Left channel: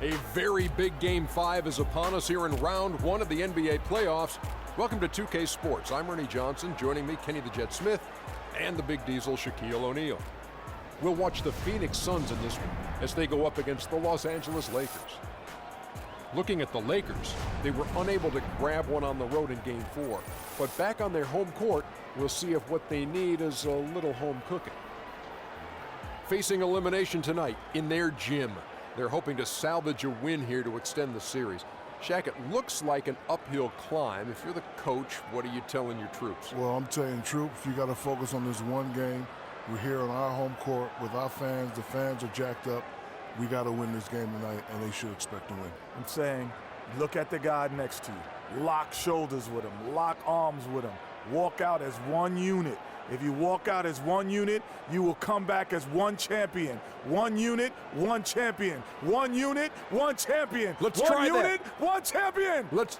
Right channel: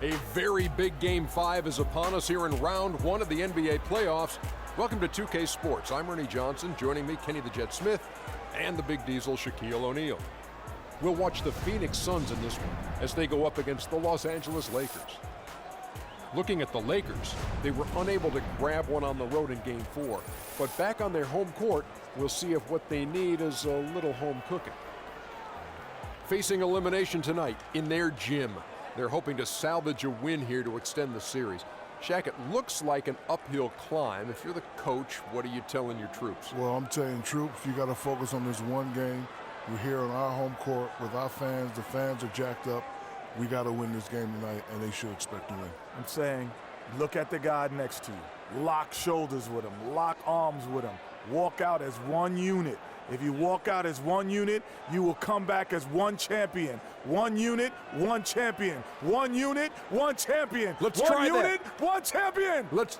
A very big Game 5 is upon us here in round 1 of the NBA playoffs. Welcome to 2K Sports. I'm Ernie Johnson. Joining me, Kenny the Jet Smith, and the Big Diesel, Shaquille O'Neal. We'll watch the Phoenix Suns in this one as they go up against the Los Angeles Lakers. Looking at the Lakers, they were unable to grab one on the road in Game 4, but back on their home court, we'll see if what they need is a little home cooking. Facing elimination tonight in their gym, they're hoping to salvage a win here to extend the series. Shaq, it looks like an uphill climb. If you're the coach, what are you telling your troops? Well, I'm telling troops, you got to focus on this one game. We're here on our home court with our fans. The fans are jacked up. We got to win this game tonight, and they should expect to win. I'm saying, look at the guy next to you. Lock shoulders with him. Lock arms with him. Walk out as one unit. If you walk out as one unit, you will come back as one champion. One unit, one champion. One unit, one champion. Let's one try unit, that. one champion. Let's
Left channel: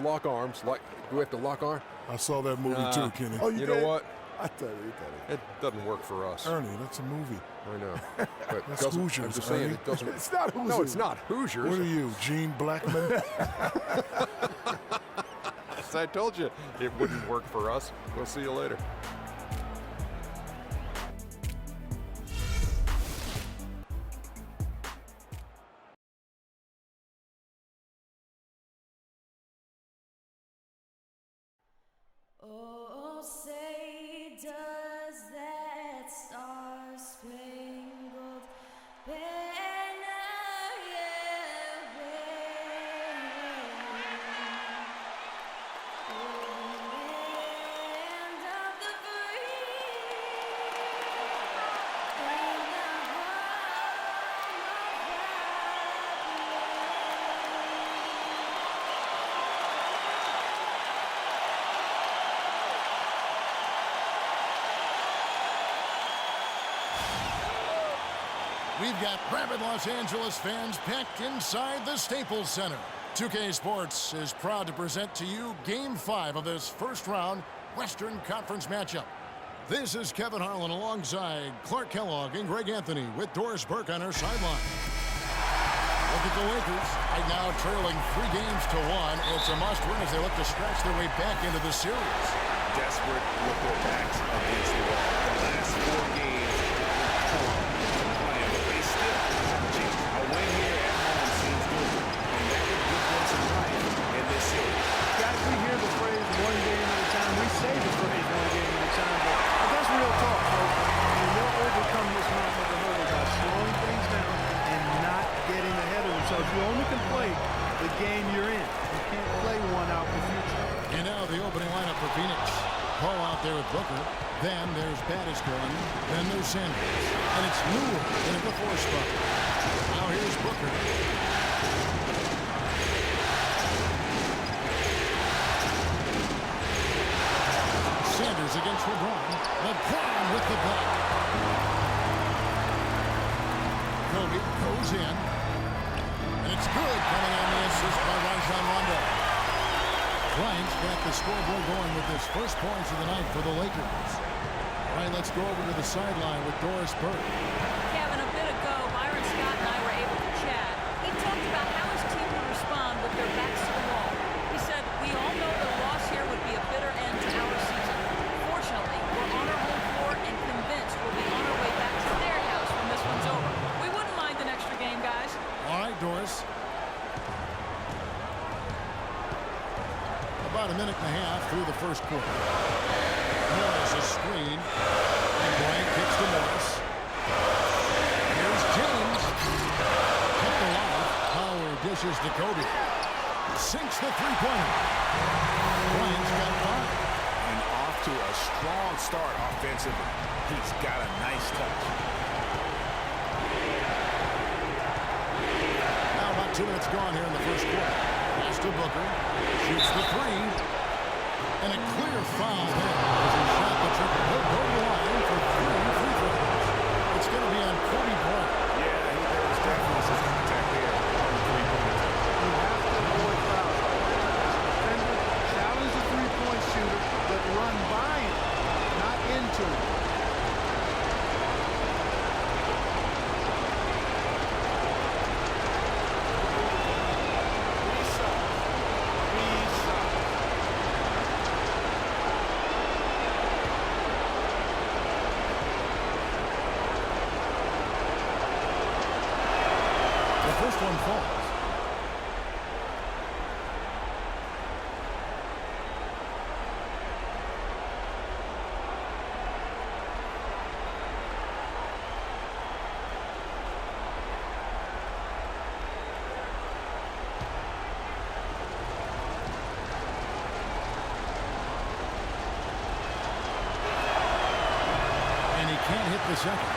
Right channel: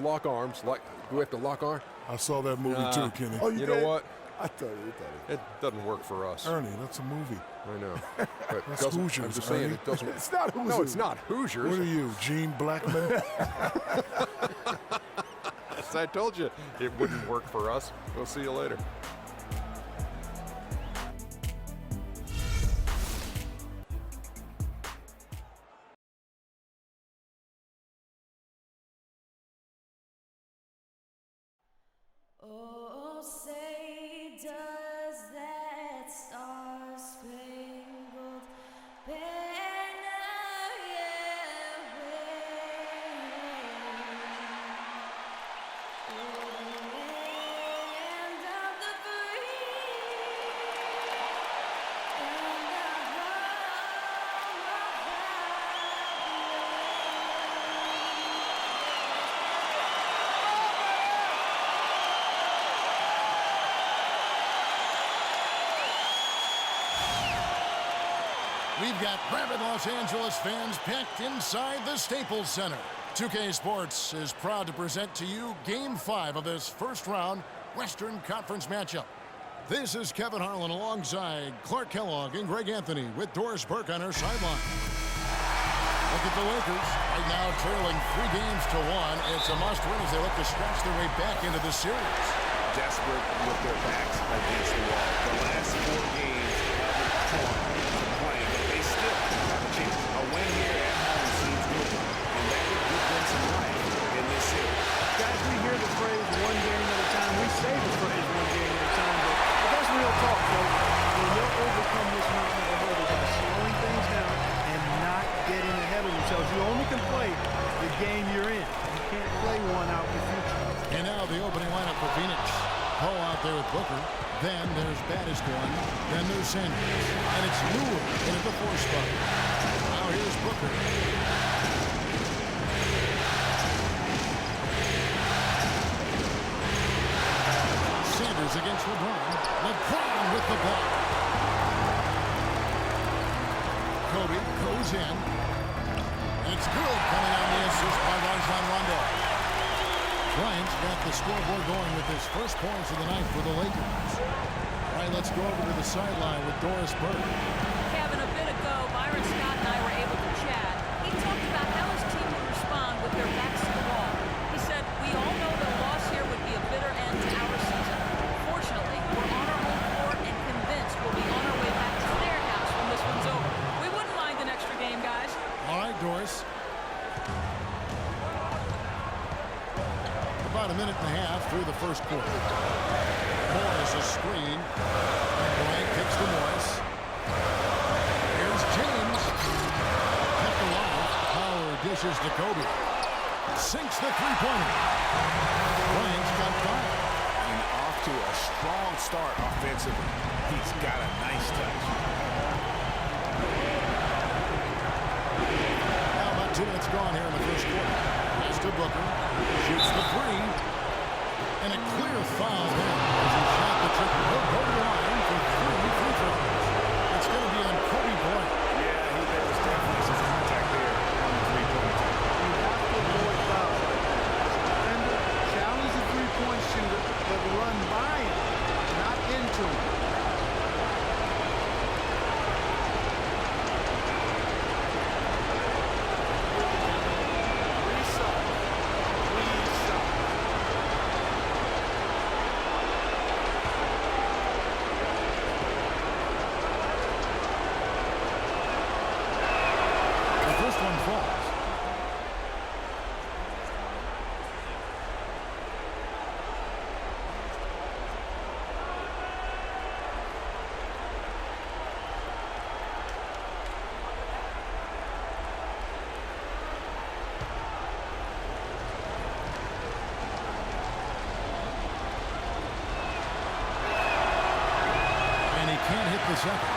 lock arms. Do we have to lock arms? I saw that movie too, Kenny. Oh, You did? know what? I thought you thought it. It doesn't work for us. Ernie, that's a movie. I know. But That's doesn't- Hoosiers, I'm just saying Ernie. it doesn't. It's not Hoosiers. No, it's not Hoosiers. What are you, Gene Blackman? As I told you, it wouldn't work for us. We'll see you later. Oh, say does that star-spangled banner yet wave o'er the land of the free and the home of the We've got rabid Los Angeles fans packed inside the Staples Center. 2K Sports is proud to present to you Game 5 of this first-round Western Conference matchup. This is Kevin Harlan alongside Clark Kellogg and Greg Anthony with Doris Burke on our sideline. Look at the Lakers, right now trailing 3 games to 1. It's a must-win as they look to scratch their way back into the series. Desperate with their backs against the wall. The last 4 games haven't come to plan, but they still have a chance. A win here at home seems doable, and that would give them some life in this series. Guys, we hear the phrase one game at a time. We say the phrase one game at a time, but that's real talk, folks. I mean, they'll overcome this mountain of a hurdle by slowing things down and not getting ahead of themselves. You only can play the game you're in. You can't play one out in the future. And now the opening lineup for Phoenix. Paul out there with Booker. Then there's Battiston. Then there's Sanders. And it's Lure into the 4 spot. Now here's Booker. Sanders against LeBron. LeBron with the block. Kobe goes in. And it's good coming on the assist by Rajon Rondo. Bryant's got the scoreboard going with his first points of the night for the Lakers. All right, let's go over to the sideline with Doris Burke. Kevin, a bit ago, Byron Scott and I were able to chat. He talked about how his team would respond with their backs to the wall. He said, we all know that a loss here would be a bitter end to our season. Fortunately, we're on our home floor and convinced we'll be on our way back to their house when this one's over. We wouldn't mind an extra game, guys. All right, Doris. About a minute and a half through the first quarter. Morris a screen. And Bryant kicks to Morris. Here's James. Kept alive. Howard dishes to Kobe. Sinks the three-pointer. Bryant's got 5. And off to a strong start offensively. He's got a nice touch. Now about 2 minutes gone here in the first quarter. Pass to Booker. Shoots the 3. And a clear foul there as he shot the triple. He'll go to the line for 3 free throws. It's going to be on Kobe Bryant. Yeah, there was definitely some contact there on the three-pointer take. You have to avoid fouls like that. As a defender, challenge the three-point shooter, but run by him, not into him. The first one falls. And he can't hit the second.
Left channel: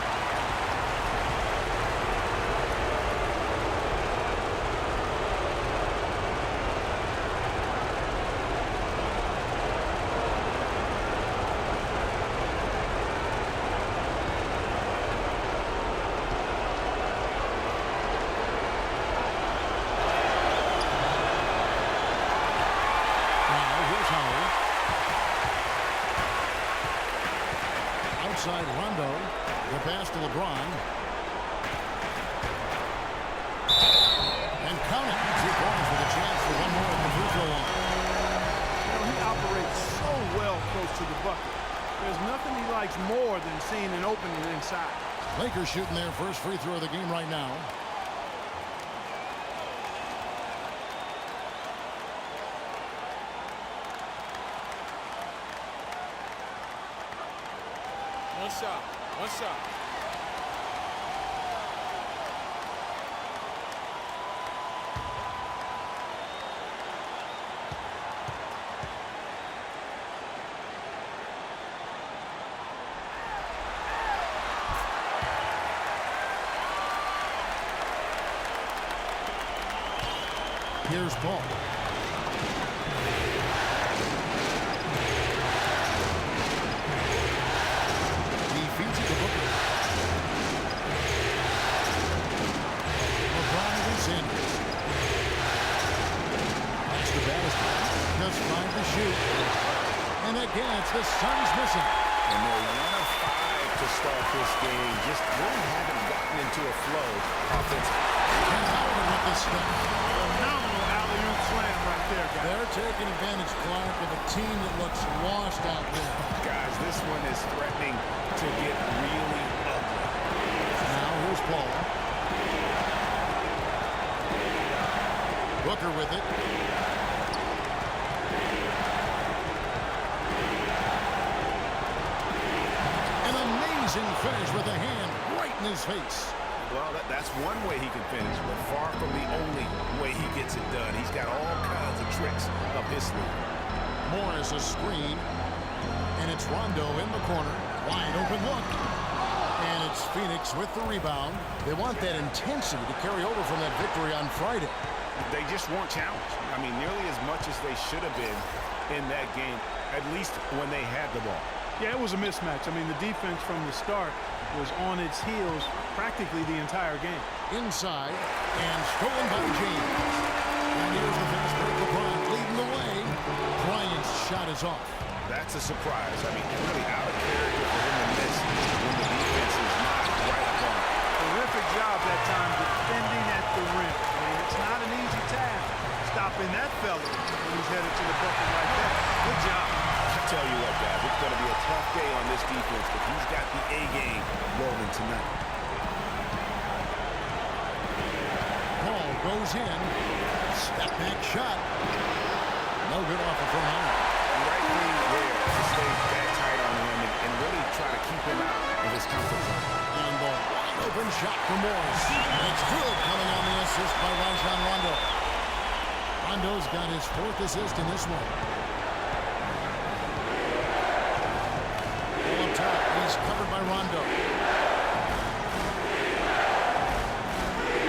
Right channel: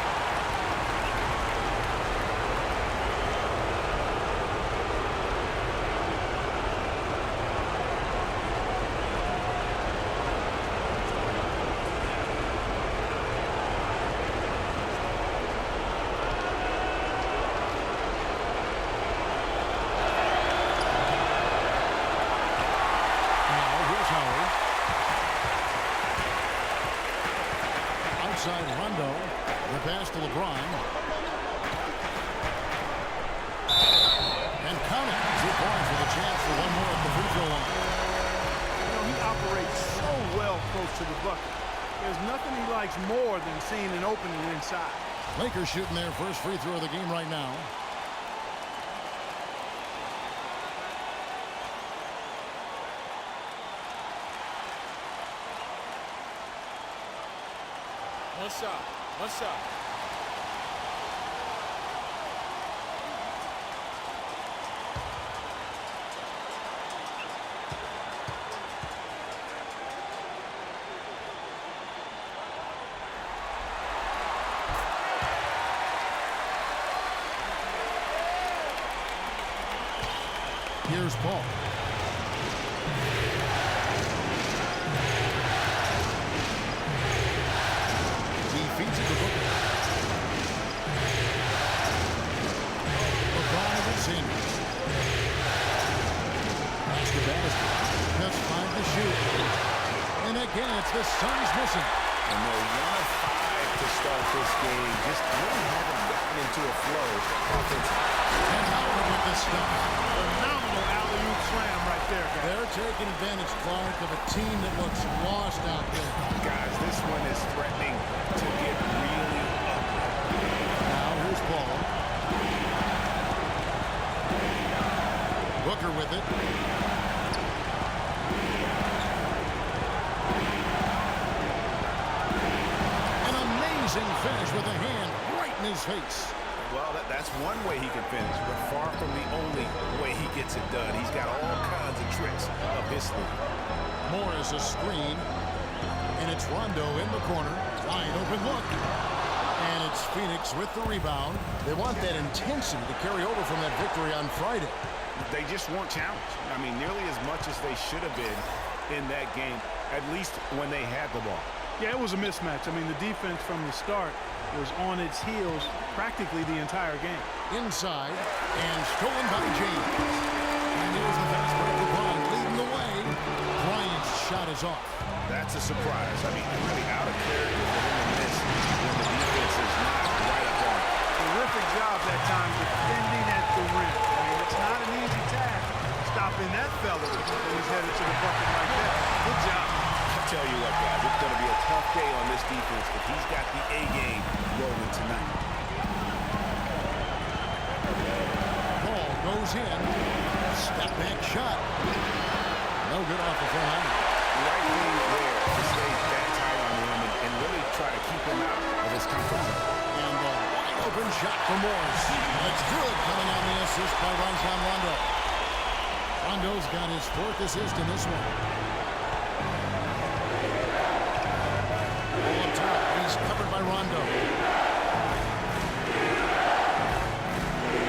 Outside Rondo, the pass to LeBron. And count it. 2 points with a chance for one more at the free throw line. You know, he operates so well close to the bucket. There's nothing he likes more than seeing an opening inside. Lakers shooting their first free throw of the game right now. One shot. One shot. Here's Paul. He feeds it to Booker. LeBron against Sanders. Pass to Bannister. Just 5 to shoot. And again, it's the Suns missing. And they're 1 of 5 to start this game. Just really haven't gotten into a flow offensively. And Howard with the stop. Phenomenal alley-oop slam right there, guys. They're taking advantage, Clark, of a team that looks lost out there. Guys, this one is threatening to get really ugly. Now here's Paul. Booker with it. An amazing finish with a hand right in his face. Well, that's one way he can finish, but far from the only way he gets it done. He's got all kinds of tricks up his sleeve. Morris a screen, and it's Rondo in the corner. Wide open look. And it's Phoenix with the rebound. They want that intensity to carry over from that victory on Friday. They just weren't challenged. I mean, nearly as much as they should have been in that game, at least when they had the ball. Yeah, it was a mismatch. I mean, the defense from the start was on its heels practically the entire game. Inside, and stolen by James. And here's the fast break. LeBron leading the way. Bryant's shot is off. That's a surprise. I mean, really out of character for him to miss when the defense is not right up on it. Terrific job that time defending at the rim. I mean, it's not an easy task stopping that fella when he's headed to the bucket like that. Good job. I tell you what, guys, it's going to be a tough day on this defense, but he's got the A game rolling tonight. Ball goes in. Step back shot. No good off the front line. Right thing there to stay that tight on him and really try to keep him out of his comfort zone. And the wide open shot for Morris. That's good, coming on the assist by Rajon Rondo. Rondo's got his 4th assist in this one. All up top, he's covered by Rondo.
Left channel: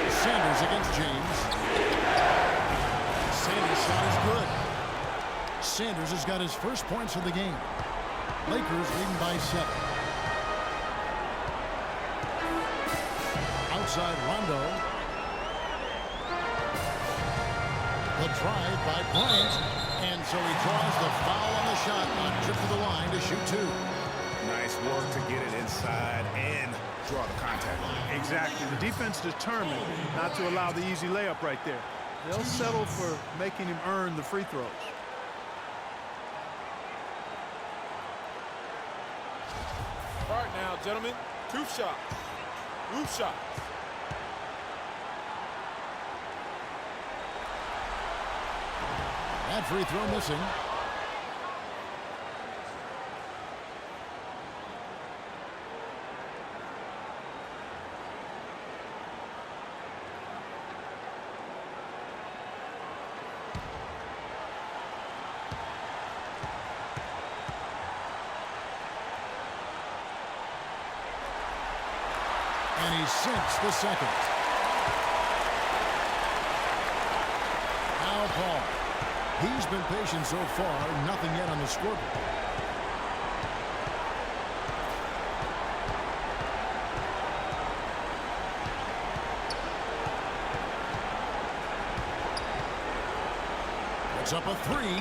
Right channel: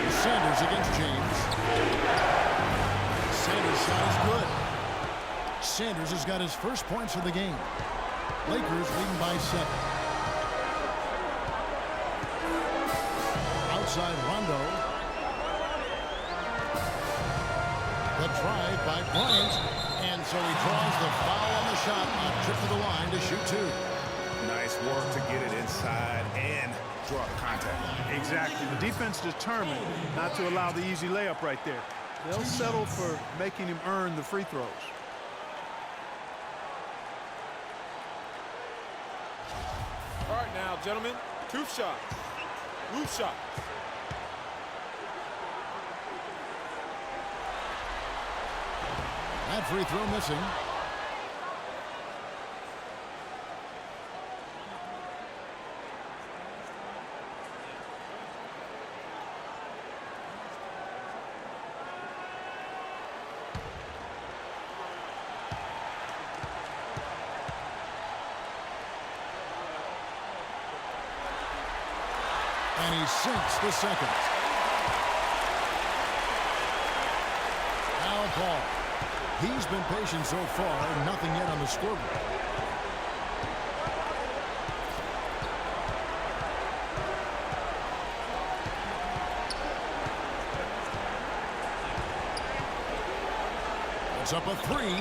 Sanders against James. Sanders' shot is good. Sanders has got his first points of the game. Lakers leading by 7. Outside Rondo. The drive by Bryant. And so he draws the foul on the shot. A trip to the line to shoot 2. Nice work to get it inside and draw the contact line. Exactly. The defense determined not to allow the easy layup right there. They'll settle for making him earn the free throws. All right now, gentlemen, 2 shots. Roof shots. That free throw missing. And he sinks the second. Al Paul. He's been patient so far. Nothing yet on the scoreboard. Puts up a three.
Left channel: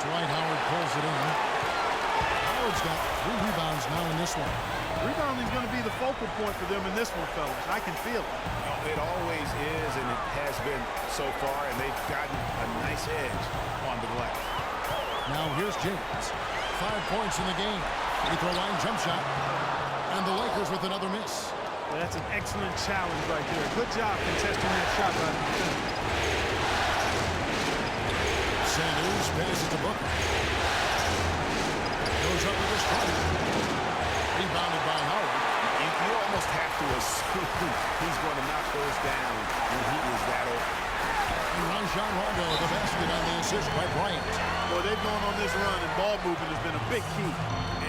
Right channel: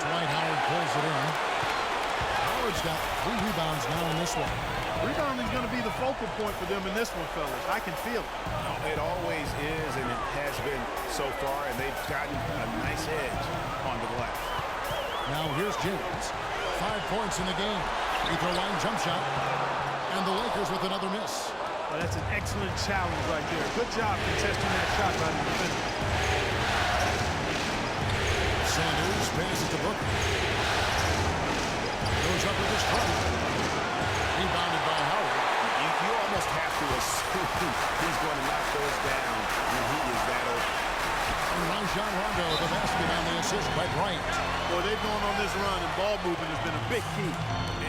Dwight Howard pulls it in. Howard's got 3 rebounds now in this one. Rebounding is going to be the focal point for them in this one, fellas. I can feel it. No, it always is, and it has been so far, and they've gotten a nice edge on the glass. Now here's James. 5 points in the game. Free throw line jump shot. And the Lakers with another miss. Well, that's an excellent challenge right there. Good job contesting that shot by the defender. Sanders passes to Booker. Goes up with a strike. Rebounded by Howard. You almost have to assume he's going to knock those down when he is that open. And Rajon Rondo, the basket on the assist by Bryant. Boy, they've gone on this run, and ball movement has been a big key.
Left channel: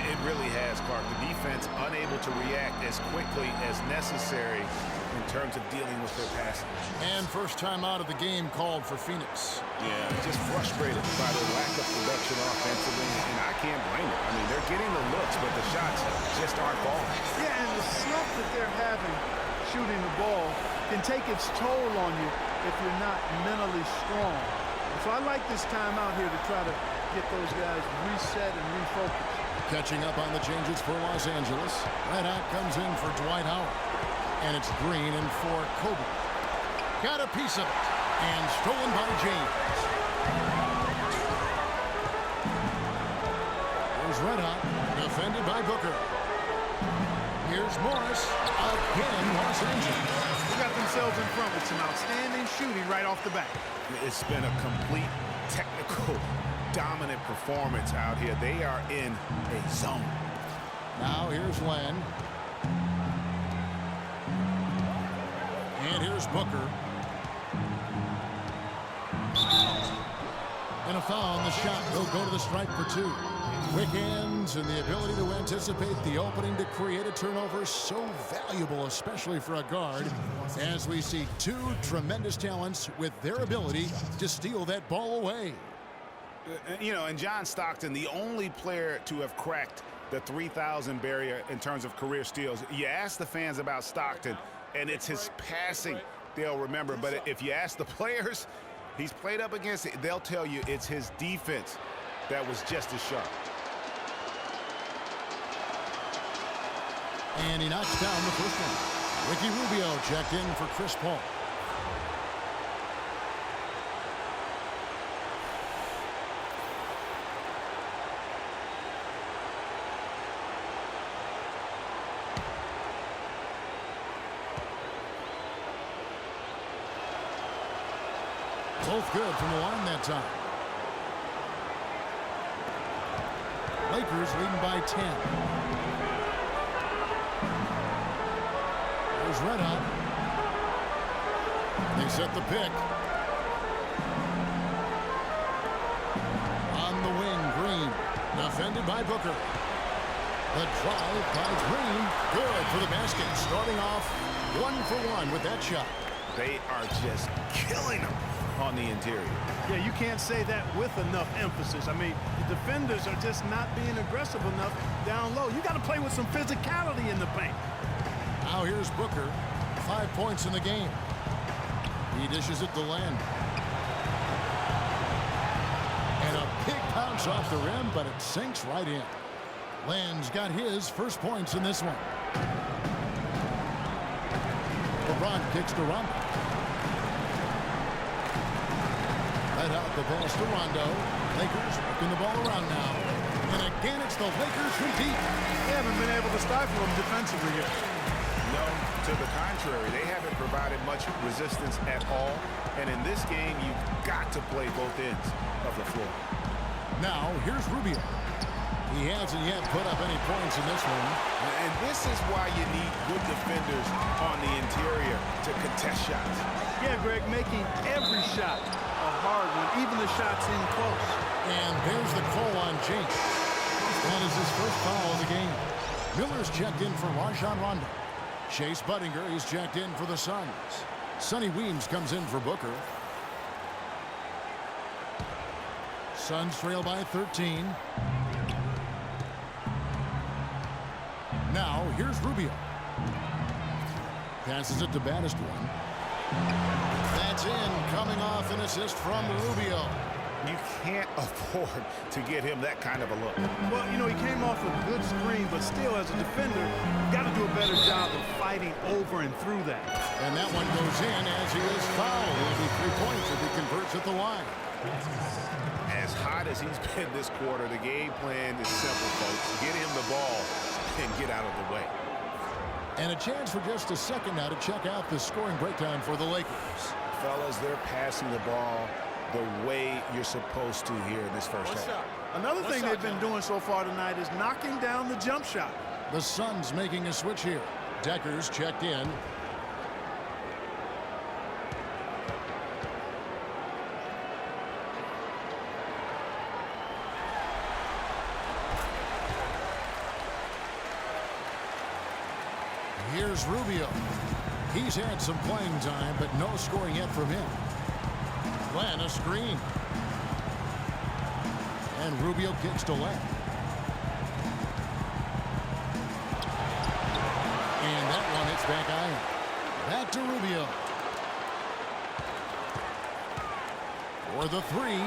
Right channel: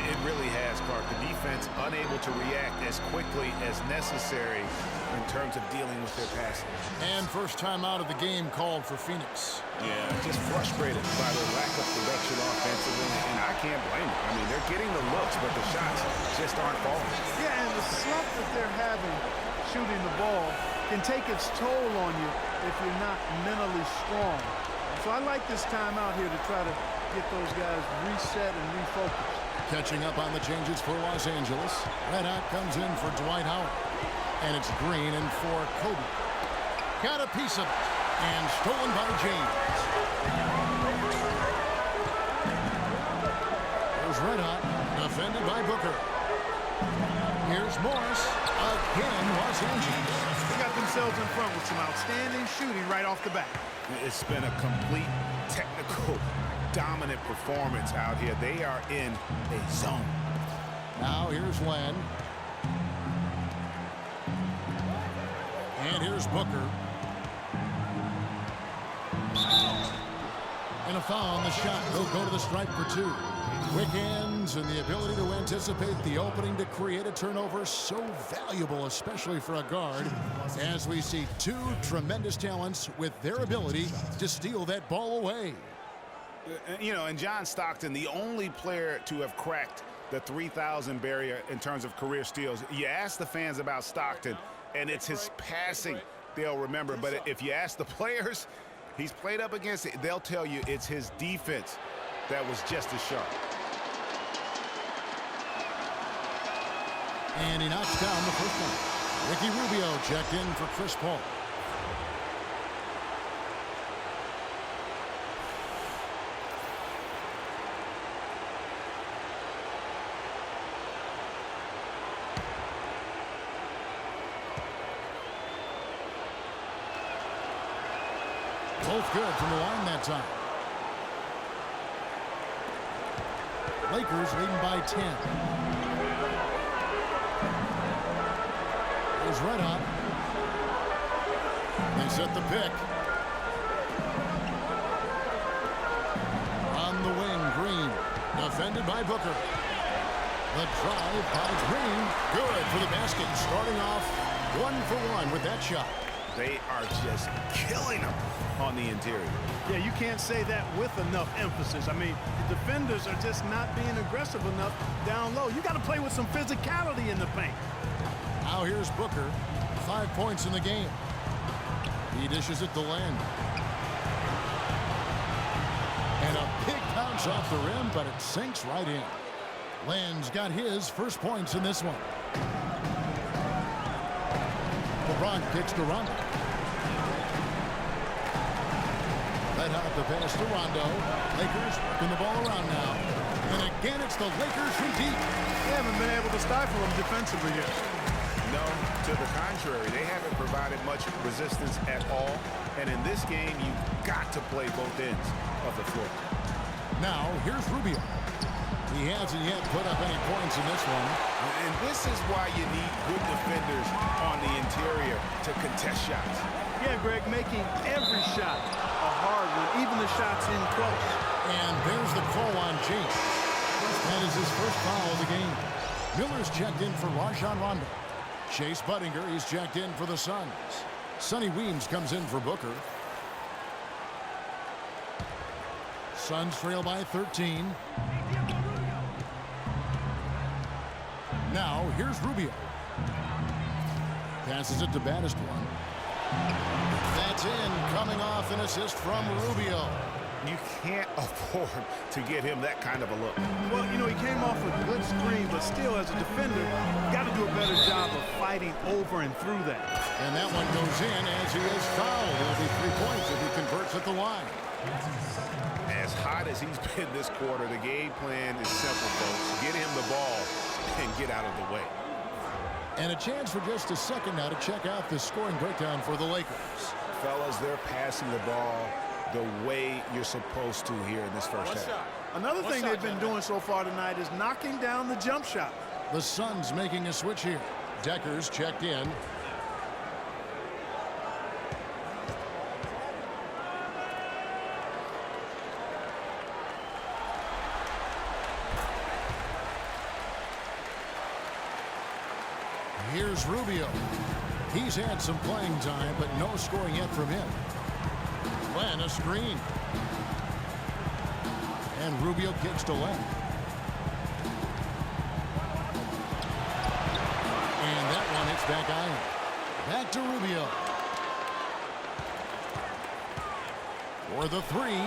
It really has, Clark. The defense unable to react as quickly as necessary in terms of dealing with their passing. And first time out of the game called for Phoenix. Yeah, just frustrated by the lack of production offensively, and I can't blame them. I mean, they're getting the looks, but the shots just aren't falling. Yeah, and the slump that they're having shooting the ball can take its toll on you if you're not mentally strong. So I like this time out here to try to get those guys reset and refocused. Catching up on the changes for Los Angeles. Red Hot comes in for Dwight Howard. And it's Green in for Kobe. Got a piece of it. And stolen by James. Here's Red Hot. Defended by Booker. Here's Morris. Again, Los Angeles. They got themselves in front with some outstanding shooting right off the bat. It's been a complete technical dominant performance out here. They are in a zone. Now here's Len. And here's Booker. And a foul on the shot. He'll go to the stripe for 2. Quick hands and the ability to anticipate the opening to create a turnover, so valuable, especially for a guard, as we see 2 tremendous talents with their ability to steal that ball away. You know, and John Stockton, the only player to have cracked the 3,000 barrier in terms of career steals. You ask the fans about Stockton, and it's his passing they'll remember. But if you ask the players he's played up against, they'll tell you it's his defense that was just as sharp. And he knocks down the first one. Ricky Rubio checked in for Chris Paul. Both good from the line that time. Lakers leading by 10. It was Red Hot. They set the pick. On the wing, Green. Defended by Booker. The drive by Green. Good for the basket. Starting off 1 for 1 with that shot. They are just killing them on the interior. Yeah, you can't say that with enough emphasis. I mean, the defenders are just not being aggressive enough down low. You got to play with some physicality in the paint. Now here's Booker. 5 points in the game. He dishes it to Len. And a big bounce off the rim, but it sinks right in. Len's got his first points in this one. LeBron kicks to Rondo. Let out the pass to Rondo. Lakers working the ball around now. And again, it's the Lakers from deep. They haven't been able to stifle them defensively yet. No, to the contrary. They haven't provided much resistance at all. And in this game, you've got to play both ends of the floor. Now, here's Rubio. He hasn't yet put up any points in this one. And this is why you need good defenders on the interior to contest shots. Yeah, Greg, making every shot a hard one, even the shots in close. And there's the call on James. That is his first foul of the game. Miller's checked in for Rajon Rondo. Chase Budinger is checked in for the Suns. Sonny Weems comes in for Booker. Suns trail by 13. Now, here's Rubio. Passes it to Baddest one. That's in, coming off an assist from Rubio. You can't afford to get him that kind of a look. Well, you know, he came off a good screen, but still, as a defender, got to do a better job of fighting over and through that. And that one goes in as he is fouled. It'll be 3 points if he converts at the line. As hot as he's been this quarter, the game plan is simple, folks. Get him the ball and get out of the way. And a chance for just a second now to check out the scoring breakdown for the Lakers. Fellas, they're passing the ball the way you're supposed to here in this first half. Another thing they've been doing so far tonight is knocking down the jump shot. The Suns making a switch here. Decker's checked in. Here's Rubio. He's had some playing time, but no scoring yet from him. Len, a screen. And Rubio kicks to Len. And that one hits back iron. Back to Rubio. For the three.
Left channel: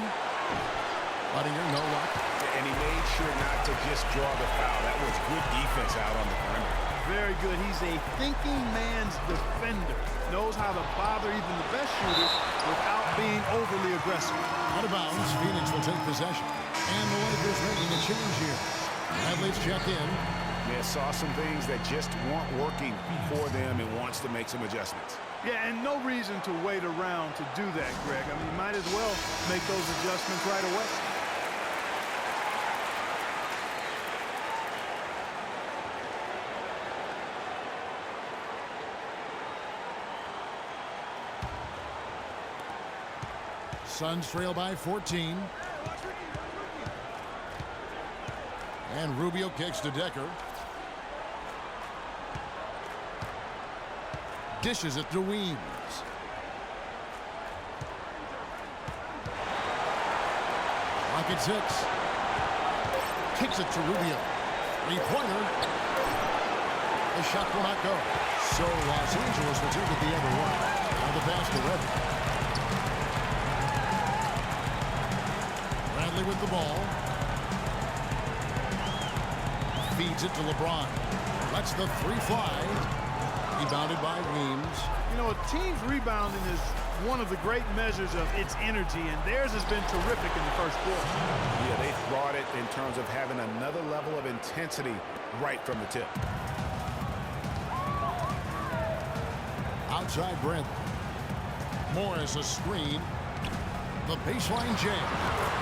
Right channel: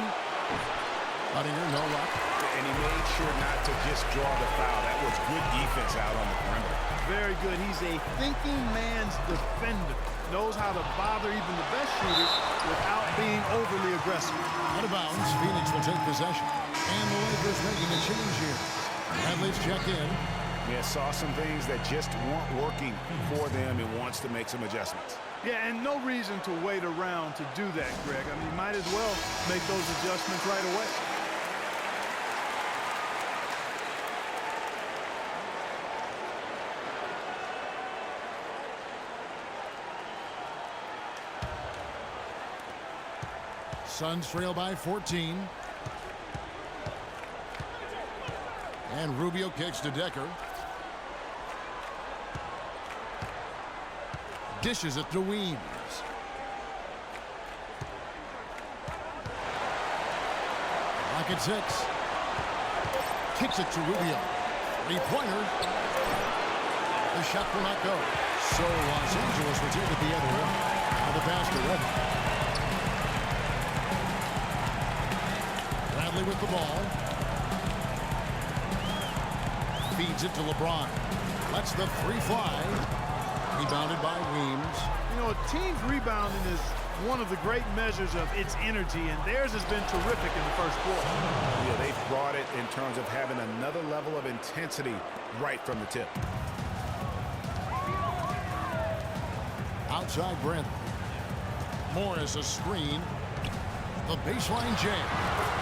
Budinger, no luck. And he made sure not to just draw the foul. That was good defense out on the perimeter. Very good. He's a thinking man's defender. Knows how to bother even the best shooters without being overly aggressive. Out of bounds, Phoenix will take possession. And the Lakers making a change here. Bradley's checked in. Yeah, saw some things that just weren't working for them and wants to make some adjustments. Yeah, and no reason to wait around to do that, Greg. I mean, you might as well make those adjustments right away. Suns trail by 14. And Rubio kicks to Decker. Dishes it to Weems. Clock at 6. Kicks it to Rubio. Three-pointer. The shot will not go. So Los Angeles will take it the other way. Now the pass to Redmond. Bradley with the ball. Feeds it to LeBron. Lets the three fly. Rebounded by Weems. You know, a team's rebounding is one of the great measures of its energy, and theirs has been terrific in the first quarter. Yeah, they've brought it in terms of having another level of intensity right from the tip. Outside Bradley. Morris a screen. The baseline J.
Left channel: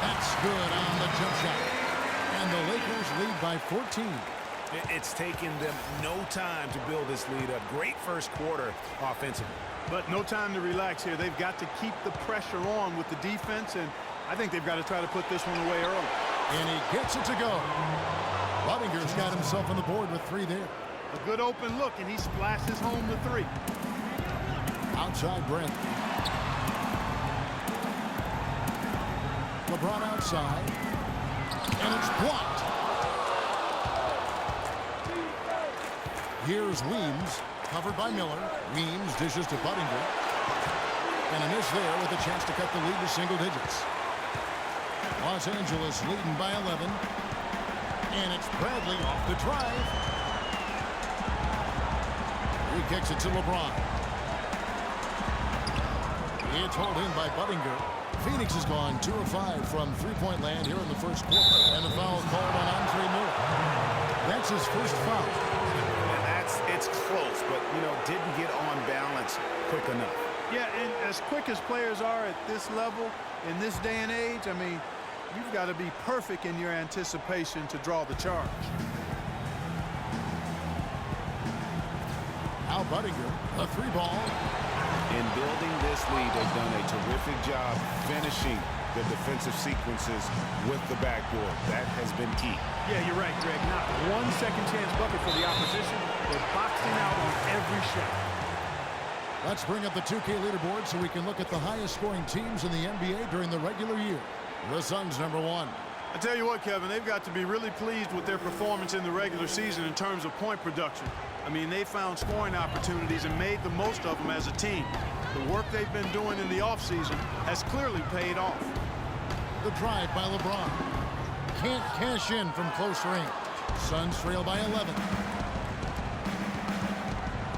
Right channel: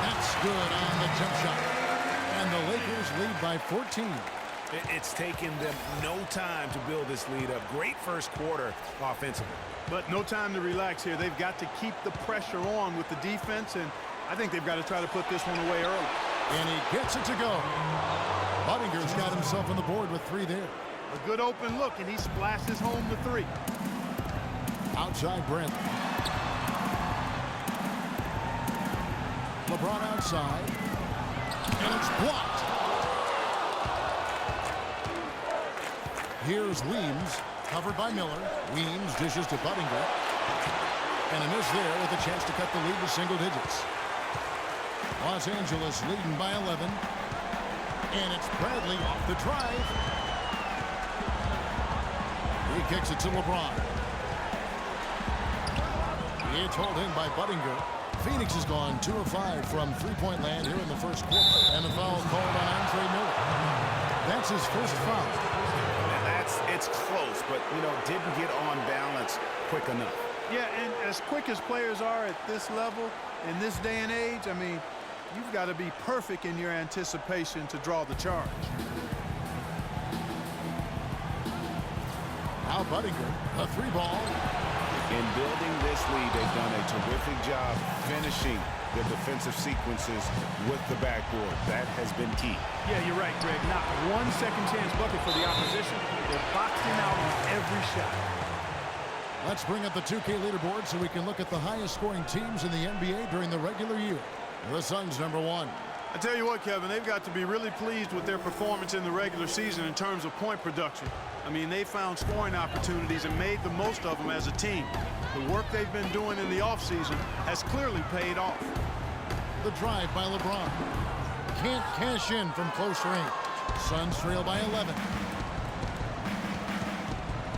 That's good on the jump shot. And the Lakers lead by 14. It's taken them no time to build this lead up. Great first quarter offensively. But no time to relax here. They've got to keep the pressure on with the defense, and I think they've got to try to put this one away early. And he gets it to go. Budinger's got himself on the board with 3 there. A good open look, and he splashes home the 3. Outside Bradley. LeBron outside. And it's blocked. Here's Weems, covered by Miller. Weems dishes to Budinger. And a miss there with a chance to cut the lead to single digits. Los Angeles leading by 11. And it's Bradley off the drive. He kicks it to LeBron. It's hauled in by Budinger. Phoenix has gone 2 of 5 from three-point land here in the first quarter. And the foul called on Andre Miller. That's his first foul. And that's It's close, but, didn't get on balance quick enough. Yeah, and as quick as players are at this level, in this day and age, I mean, you've got to be perfect in your anticipation to draw the charge. Al Budinger, a 3-ball. In building this lead, they've done a terrific job finishing the defensive sequences with the backboard. That has been key. Yeah, you're right, Greg. Not one second chance bucket for the opposition. They're boxing out on every shot. Let's bring up the 2K leaderboard so we can look at the highest scoring teams in the NBA during the regular year. The Suns #1. I tell you what, Kevin, they've got to be really pleased with their performance in the regular season in terms of point production. I mean, they found scoring opportunities and made the most of them as a team. The work they've been doing in the offseason has clearly paid off. The drive by LeBron. Can't cash in from close range. Suns trail by 11.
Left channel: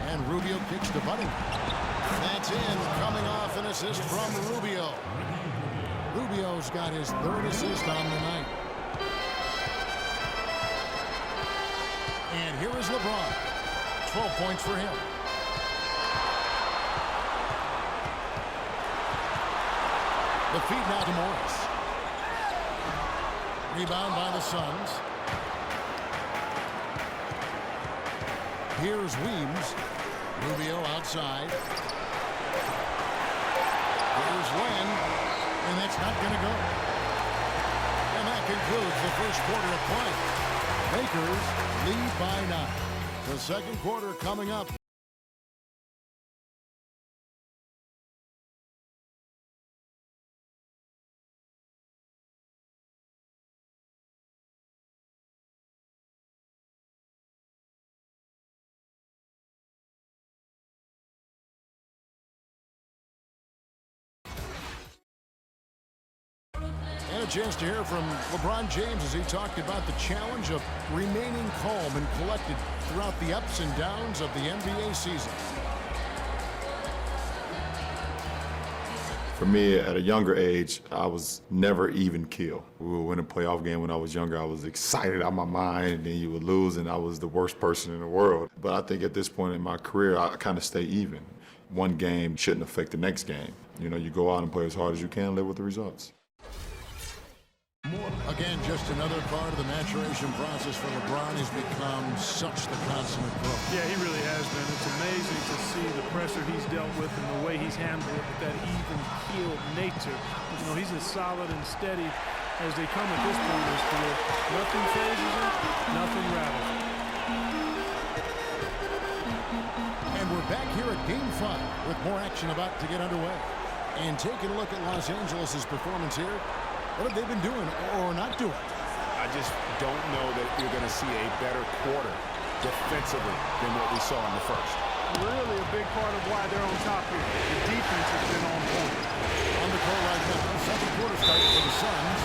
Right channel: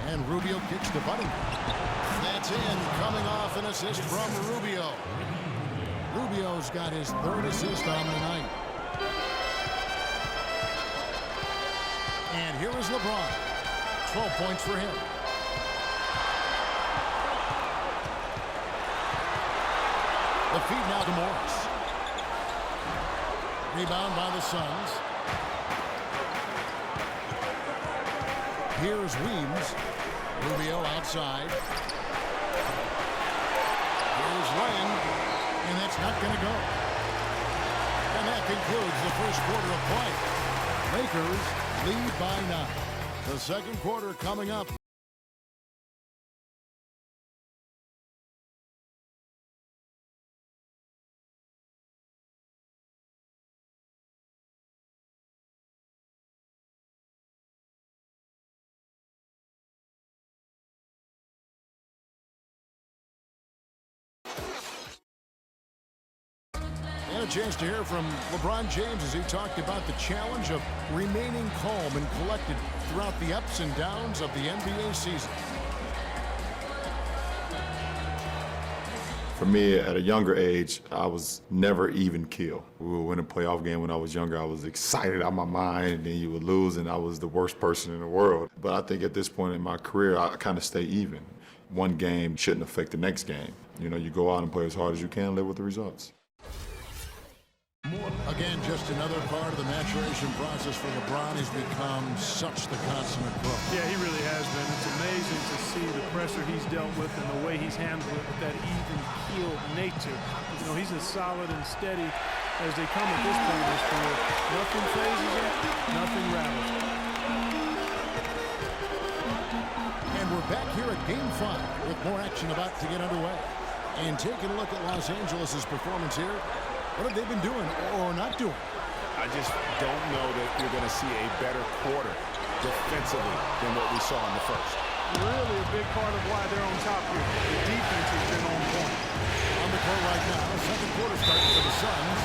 And Rubio kicks to Budinger. That's in, coming off an assist from Rubio. Rubio's got his 3rd assist on the night. And here is LeBron. 12 points for him. The feed now to Morris. Rebound by the Suns. Here's Weems. Rubio outside. Here's Len. And that's not going to go. And that concludes the first quarter of play. Lakers lead by 9. The second quarter coming up. And a chance to hear from LeBron James as he talked about the challenge of remaining calm and collected throughout the ups and downs of the NBA season. For me, at a younger age, I was never even keel. We would win a playoff game when I was younger. I was excited out of my mind, and then you would lose, and I was the worst person in the world. But I think at this point in my career, I kind of stay even. One game shouldn't affect the next game. You go out and play as hard as you can, live with the results. Again, just another part of the maturation process for LeBron. He's become such the consummate pro. Yeah, he really has been. It's amazing to see the pressure he's dealt with and the way he's handled it with that even-keeled nature. He's as solid and steady as they come at this point in his career. Nothing phases him, nothing rattles him. And we're back here at Game 5 with more action about to get underway. And taking a look at Los Angeles' performance here, what have they been doing or not doing? I just don't know that you're going to see a better quarter defensively than what we saw in the first. Really a big part of why they're on top here. The defense has been on point. On the court right now, second quarter starting for the Suns.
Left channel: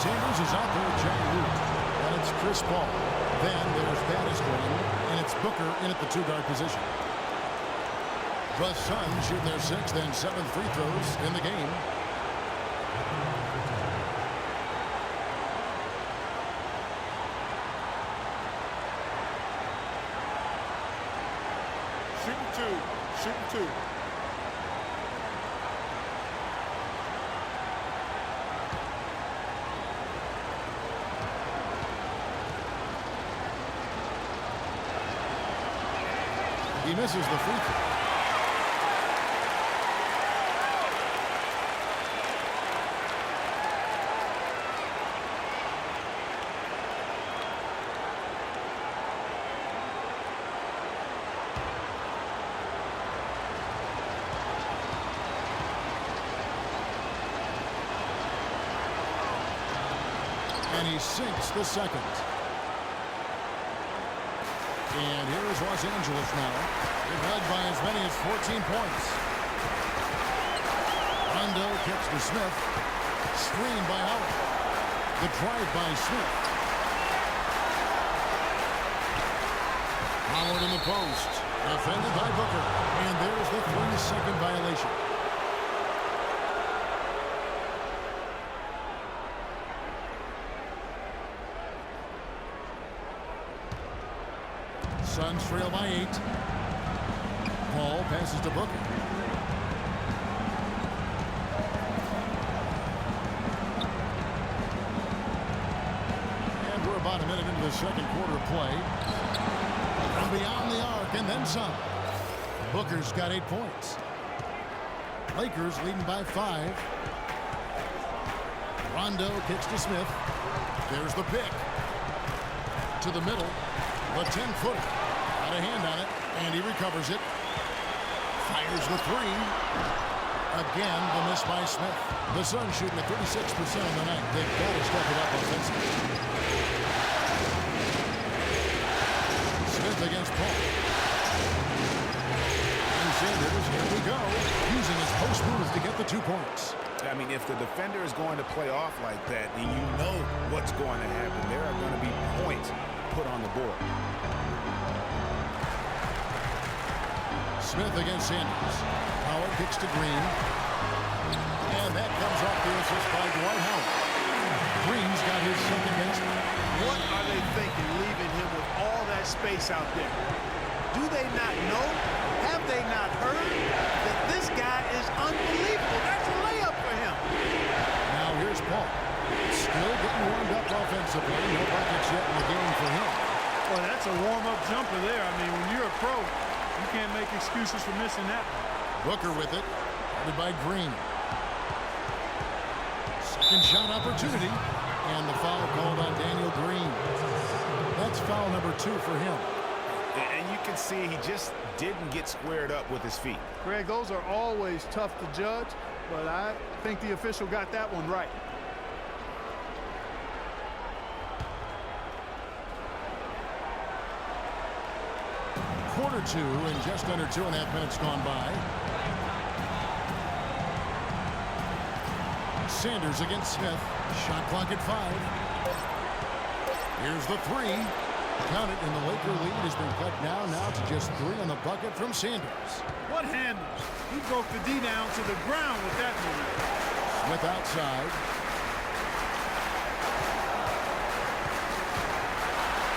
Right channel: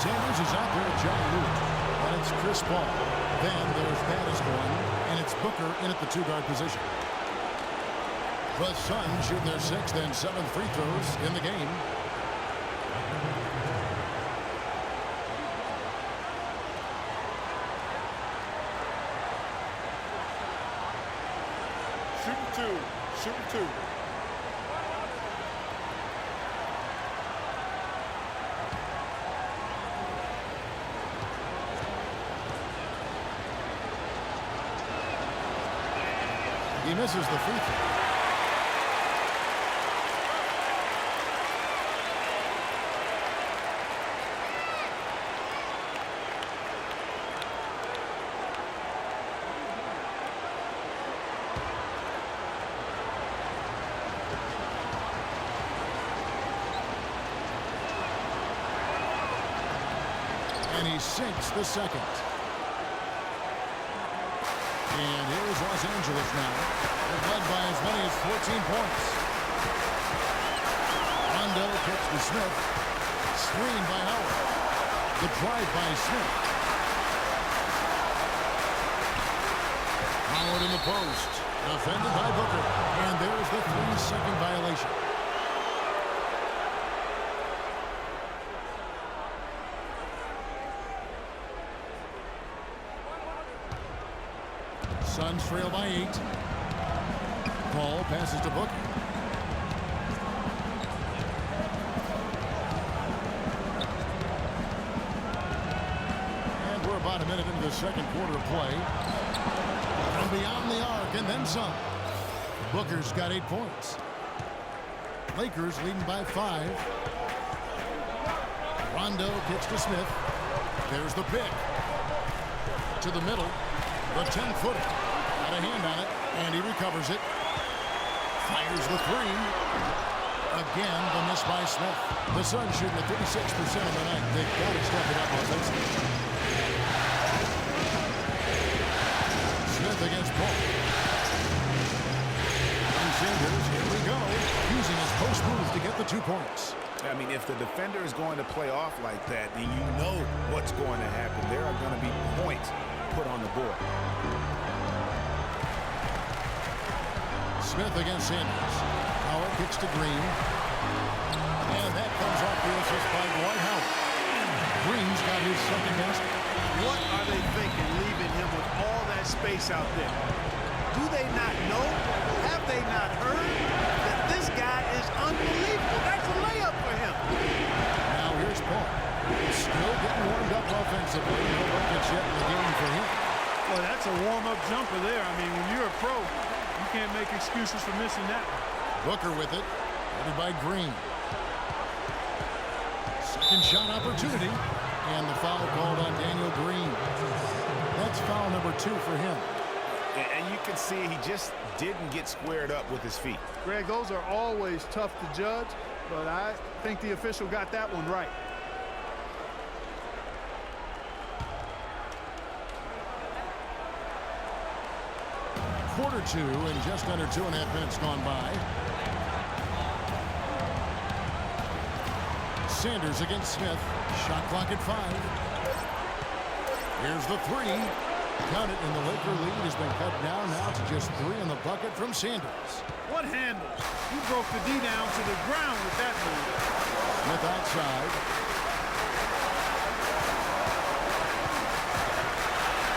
Sanders is out there with John Lewis. And it's Chris Paul. Then there's Batiston, and it's Booker in at the 2-guard position. The Suns shoot their 6th and 7th free throws in the game. Shooting 2. He misses the free throw. And he sinks the second. And here is Los Angeles now. They're led by as many as 14 points. Rondo kicks to Smith. Screen by Howard. The drive by Smith. Howard in the post. Defended by Booker. And there's the 3-second violation. Suns trail by 8. Paul passes to Booker. And we're about a minute into the second quarter of play. From beyond the arc and then some. Booker's got 8 points. Lakers leading by 5. Rondo kicks to Smith. There's the pick. To the middle. The 10-footer. Got a hand on it, and he recovers it. Fires the 3. Again, the miss by Smith. The Suns shooting at 36% on the night. They've got to step it up offensively. Smith against Paul. And Sanders, here we go, using his post move to get the 2 points. I mean, if the defender is going to play off like that, then you know what's going to happen. There are going to be points put on the board. Smith against Sanders. Howard kicks to Green. And that comes off the assist by Dwight Howard. Green's got his second basket. What are they thinking, leaving him with all that space out there? Do they not know? Have they not heard that this guy is unbelievable? That's a layup for him. Now here's Paul. Still getting warmed up offensively. No buckets yet in the game for him. Well, that's a warm-up jumper there. I mean, when you're a pro, you can't make excuses for missing that one. Booker with it. Guarded by Green. Second shot opportunity. And the foul called on Daniel Green. That's foul number 2 for him. And you can see he just didn't get squared up with his feet. Greg, those are always tough to judge, but I think the official got that one right. Quarter 2 and just under 2.5 minutes gone by. Sanders against Smith. Shot clock at 5. Here's the 3. Count it, and the Laker lead has been cut down now to just 3 on the bucket from Sanders. What handles? He broke the D down to the ground with that move. Smith outside.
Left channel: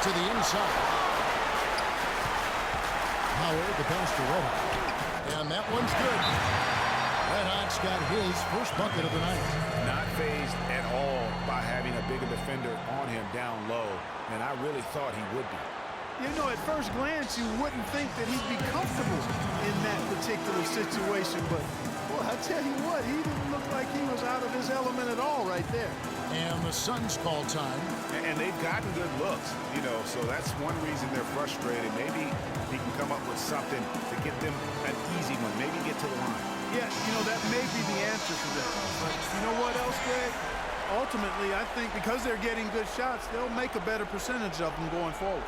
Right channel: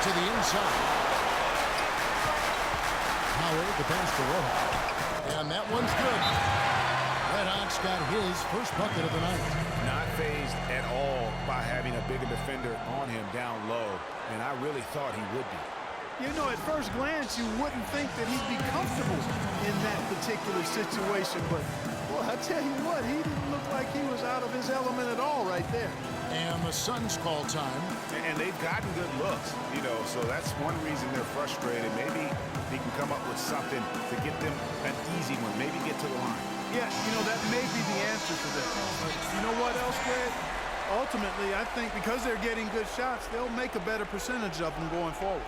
To the inside. Howard, the pass to Red Hot. And that one's good. Red Hot's got his first bucket of the night. Not fazed at all by having a bigger defender on him down low, and I really thought he would be. You know, at first glance, you wouldn't think that he'd be comfortable in that particular situation, but, boy, I tell you what, he didn't look like he was out of his element at all right there. And the Suns call time. And they've gotten good looks, you know, so that's one reason they're frustrated. Maybe he can come up with something to get them an easy one, maybe get to the line. Yeah, you know, that may be the answer to that. But you know what else, Greg? Ultimately, I think because they're getting good shots, they'll make a better percentage of them going forward.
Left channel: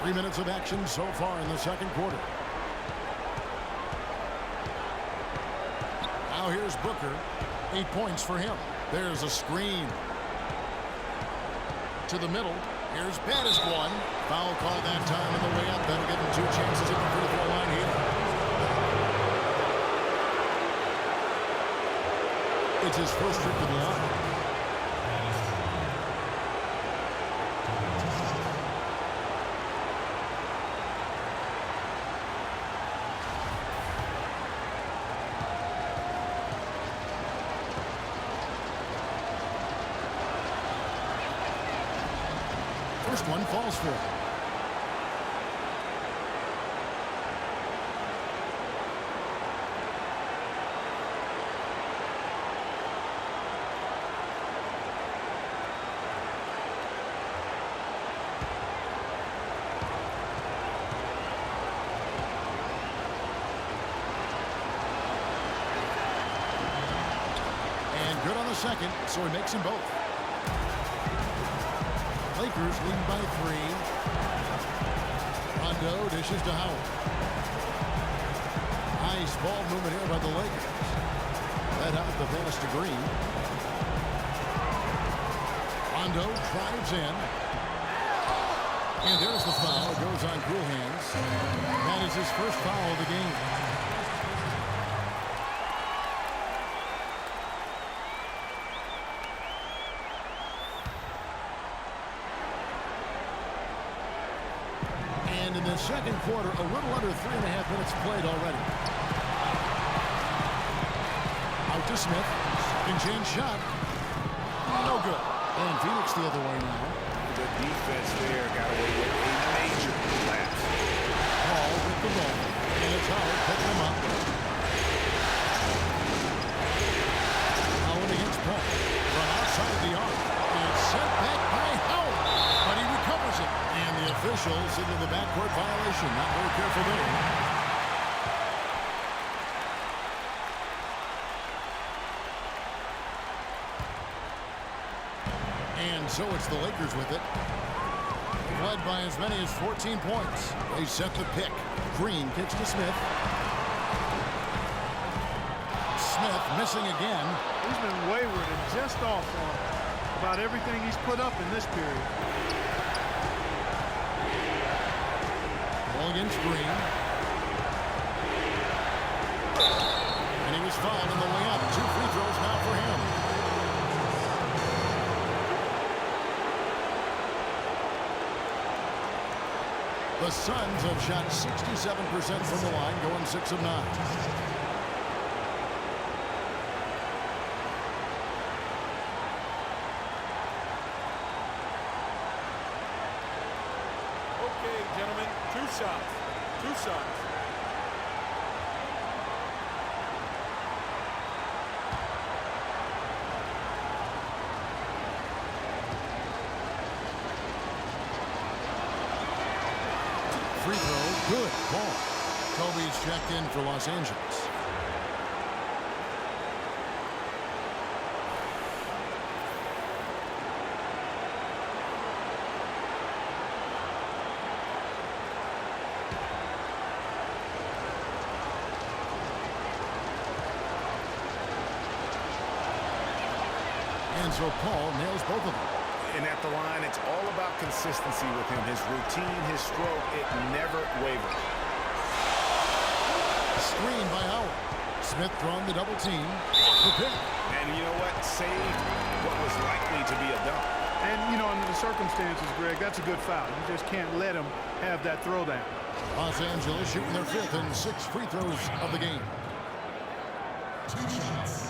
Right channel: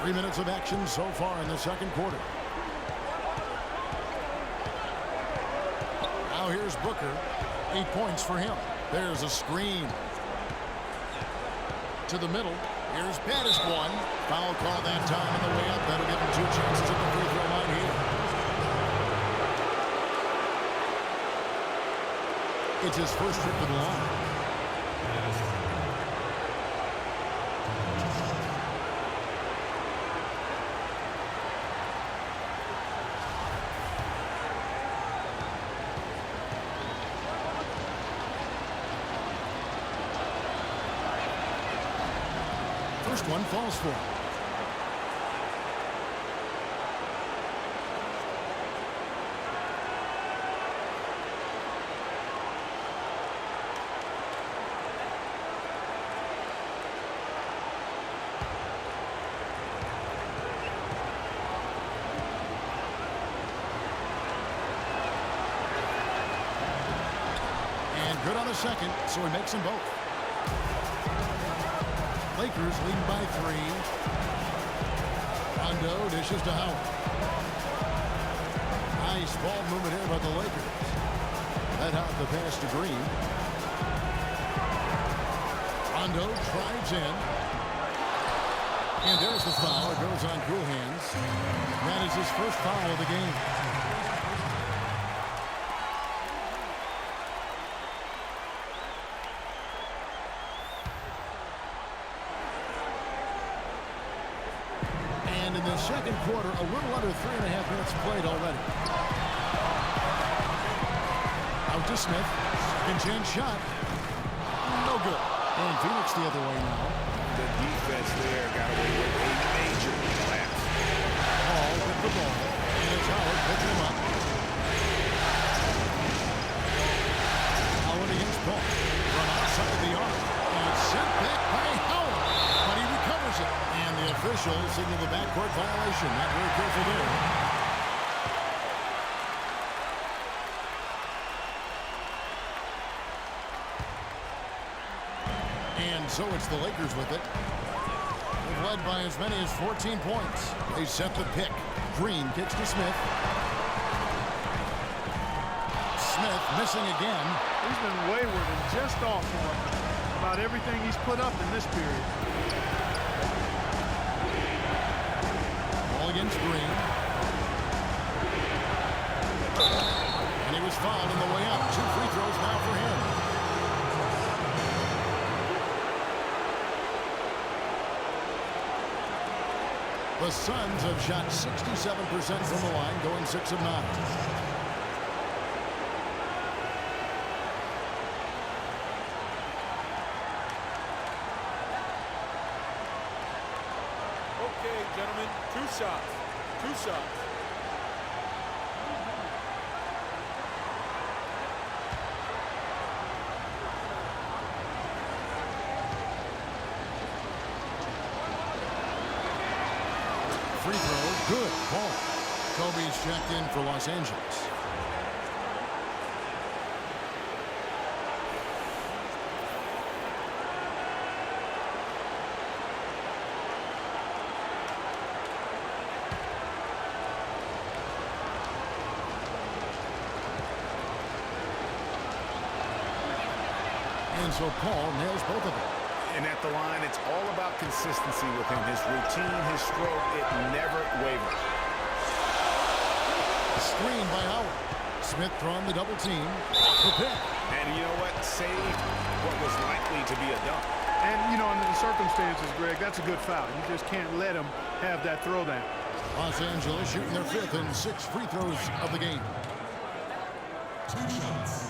Three minutes of action so far in the second quarter. Now here's Booker. 8 points for him. There's a screen. To the middle. Here's Baddest one. Foul call that time on the way up. That'll give him 2 chances at the free throw line here. It's his first trip to the line. First one falls for him. And good on the second, so he makes them both. Lakers leading by 3. Rondo dishes to Howard. Nice ball movement here by the Lakers. Let out the pass to Green. Rondo drives in. And there's the foul. It goes on cool hands. That is his first foul of the game. And in the second quarter, a little under 3.5 minutes played already. Out to Smith. Second chance shot. No good. And Phoenix the other way now. The defense there got away with a major lapse. Paul with the ball. And it's Howard picking him up. Howard against Paul. From outside the arc. And it's sent back by Howard. But he recovers it. And the officials signal the backcourt violation. Not very careful there. And so it's the Lakers with it. They've led by as many as 14 points. They set the pick. Green kicks to Smith. Smith missing again. He's been wayward and just off on about everything he's put up in this period. Ball against Green. And he was fouled on the way up. 2 free throws now for him. The Suns have shot 67% from the line, going 6 of 9. Okay, gentlemen, 2 shots. 2 shots. Free throw, good ball. Kobe's checked in for Los Angeles. And so Paul nails both of them. And at the line, it's all about consistency with him. His routine, his stroke, it never wavers. Screen by Howard. Smith throwing the double team. The pick. And you know what? Saved what was likely to be a dunk. And, you know, under the circumstances, Greg, that's a good foul. You just can't let him have that throwdown. Los Angeles shooting their 5th and 6 free throws of the game. 2 shots.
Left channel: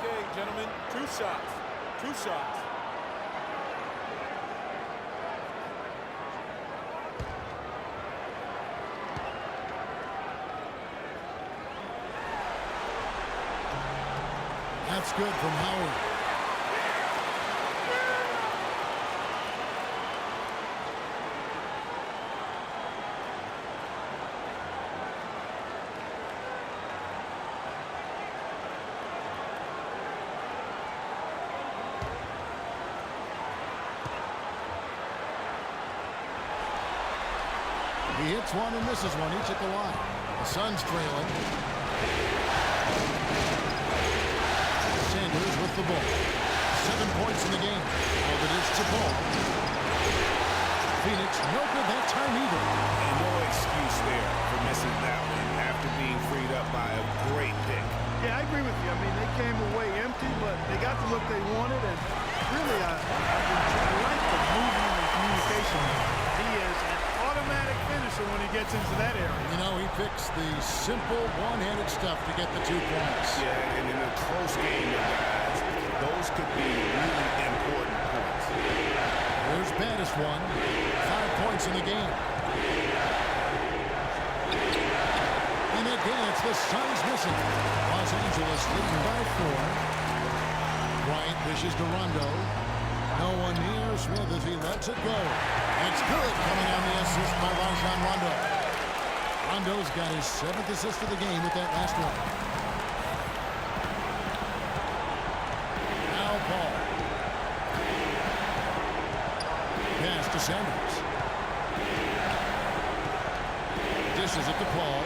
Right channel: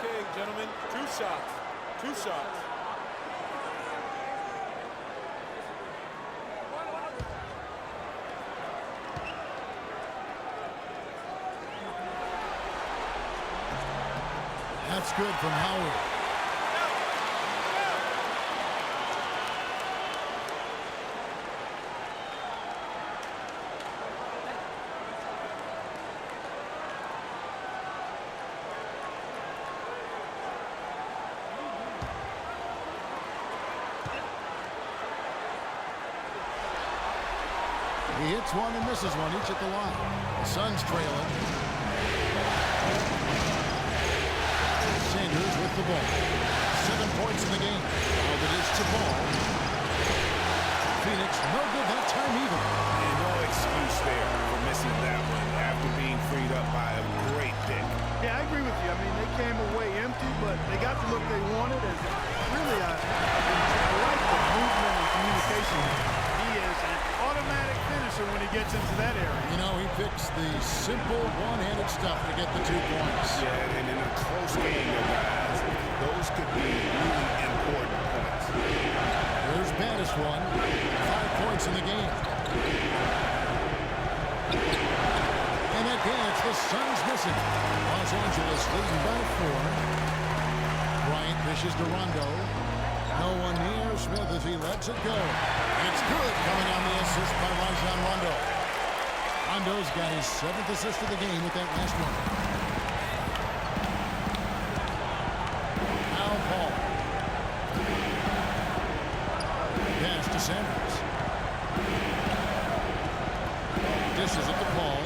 Okay, gentlemen, 2 shots. 2 shots. That's good from Howard. He hits one and misses one, each at the line. The Suns trailing. Sanders with the ball. 7 points in the game. Now the dish to Paul. Phoenix no good that time either. And no excuse there for missing that one after being freed up by a great pick. Yeah, I agree with you. I mean, they came away empty, but they got the look they wanted. And really, I like the movement and communication. He is an automatic finisher when he gets into that area. You know, he picks the simple one-handed stuff to get the 2 points. Yeah, and in a close game, though, guys, those could be really important points. Here's Baddest one. 5 points in the game. And again, it's the Suns missing. Los Angeles leading by 4. Bryant dishes to Rondo. No one near Smith as he lets it go. And it's good coming on the assist by Rajon Rondo. Rondo's got his 7th assist of the game with that last one. Now Paul. Pass to Sanders. Dishes it to Paul.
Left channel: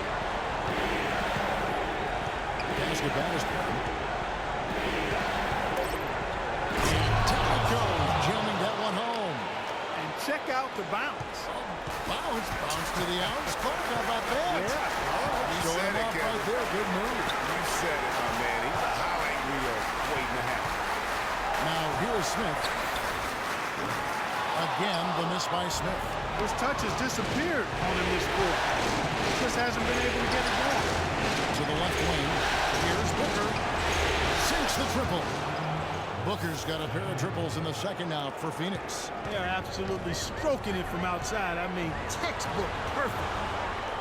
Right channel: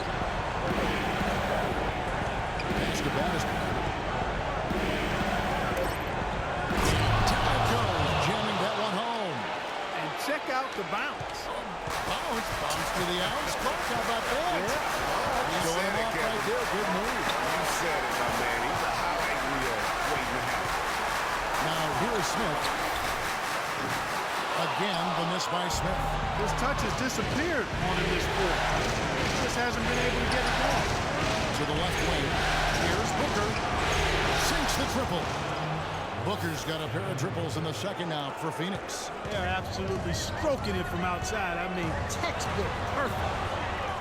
Pass to Battiston. Down goes, jamming that one home. And check out the bounce. Oh, bounce to the outs. Clark, how about that? Yeah. All right, You showing said him it, off Kevin. right there. Good move. You said it, my man. He's a highlight reel waiting to happen. Now here is Smith. Again, the miss by Smith. Those touches disappeared on him this quarter. He just hasn't been able to get it going. To the left wing. Here's Booker. Sinks the triple. Booker's got a pair of triples in the second now for Phoenix. They are absolutely stroking it from outside. I mean, textbook perfect.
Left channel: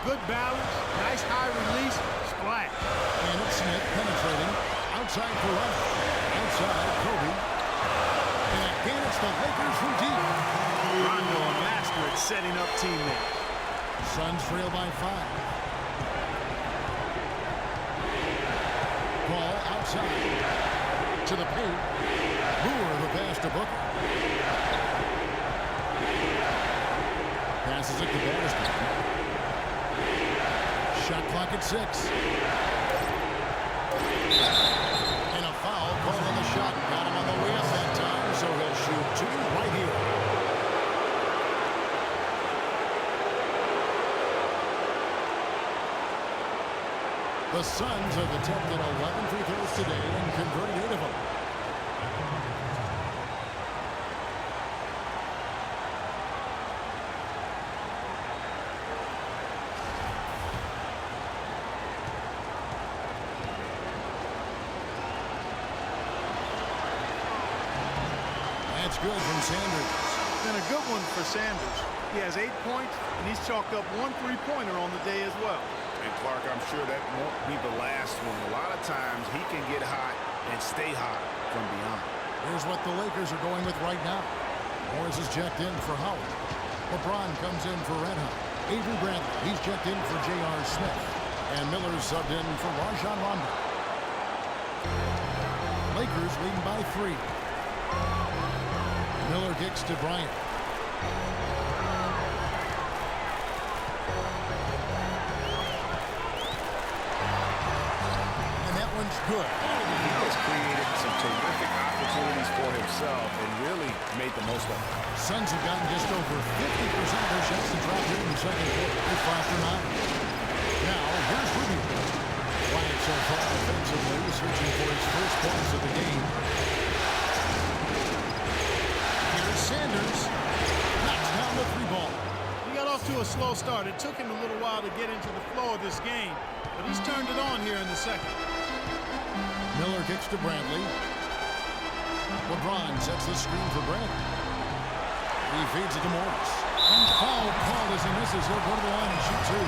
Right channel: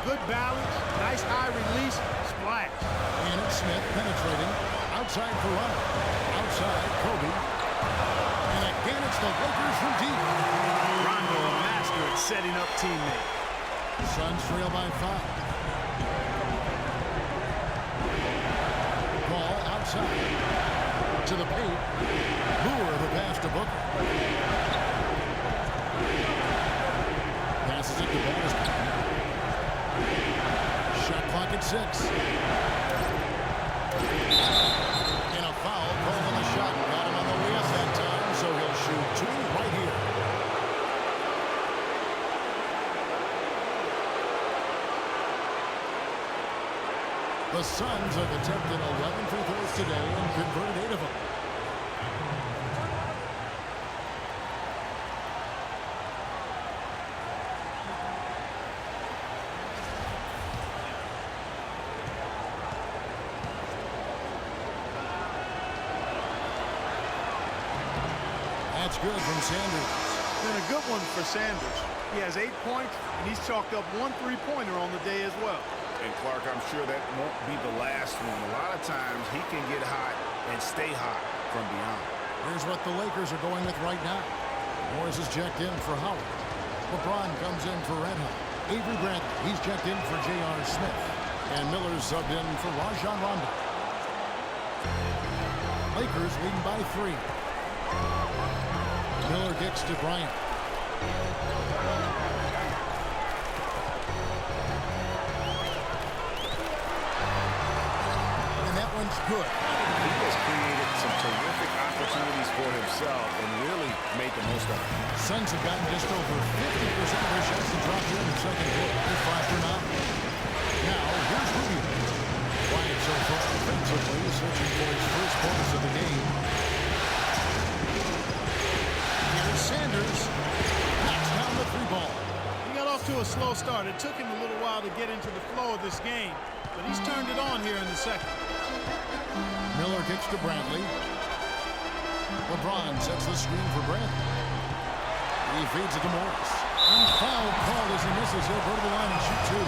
Good balance, nice high release, splash. And it's Smith penetrating. Outside for Rondo. Outside, Kobe. And again, it's the Lakers from deep. Rondo, a master at setting up teammates. Suns trail by 5. Ball outside. To the paint. Moore the pass to Booker. Passes it to Battister. Shot clock at 6. And a foul called on the shot. Got him on the way up that time, so he'll shoot 2 right here. The Suns have attempted 11 free throws today and converted 8 of them. That's good from Sanders. Been a good one for Sanders. He has 8 points, and he's chalked up 1 3-pointer on the day as well. And Clark, I'm sure that won't be the last one. A lot of times he can get hot and stay hot from beyond. Here's what the Lakers are going with right now. Morris is checked in for Howard. LeBron comes in for Red Hot. Avery Bradley, he's checked in for J.R. Smith. And Miller's subbed in for Rajon Rondo. Lakers leading by 3. Miller kicks to Bryant. One's good. He has created some terrific opportunities for himself and really made the most of it. Suns have gotten just over 50% of their shots to drop here in the second quarter. They're 5 for 9. Now, here's Rubio. Quiet so far offensively, searching for his first points of the game. Here's Sanders. Knocks down the 3-ball. He got off to a slow start. It took him a little while to get into the flow of this game, but he's turned it on here in the second. Miller kicks to Bradley. LeBron sets the screen for Bradley. He feeds it to Morris. And foul called as he misses. He'll go to the line and shoot 2.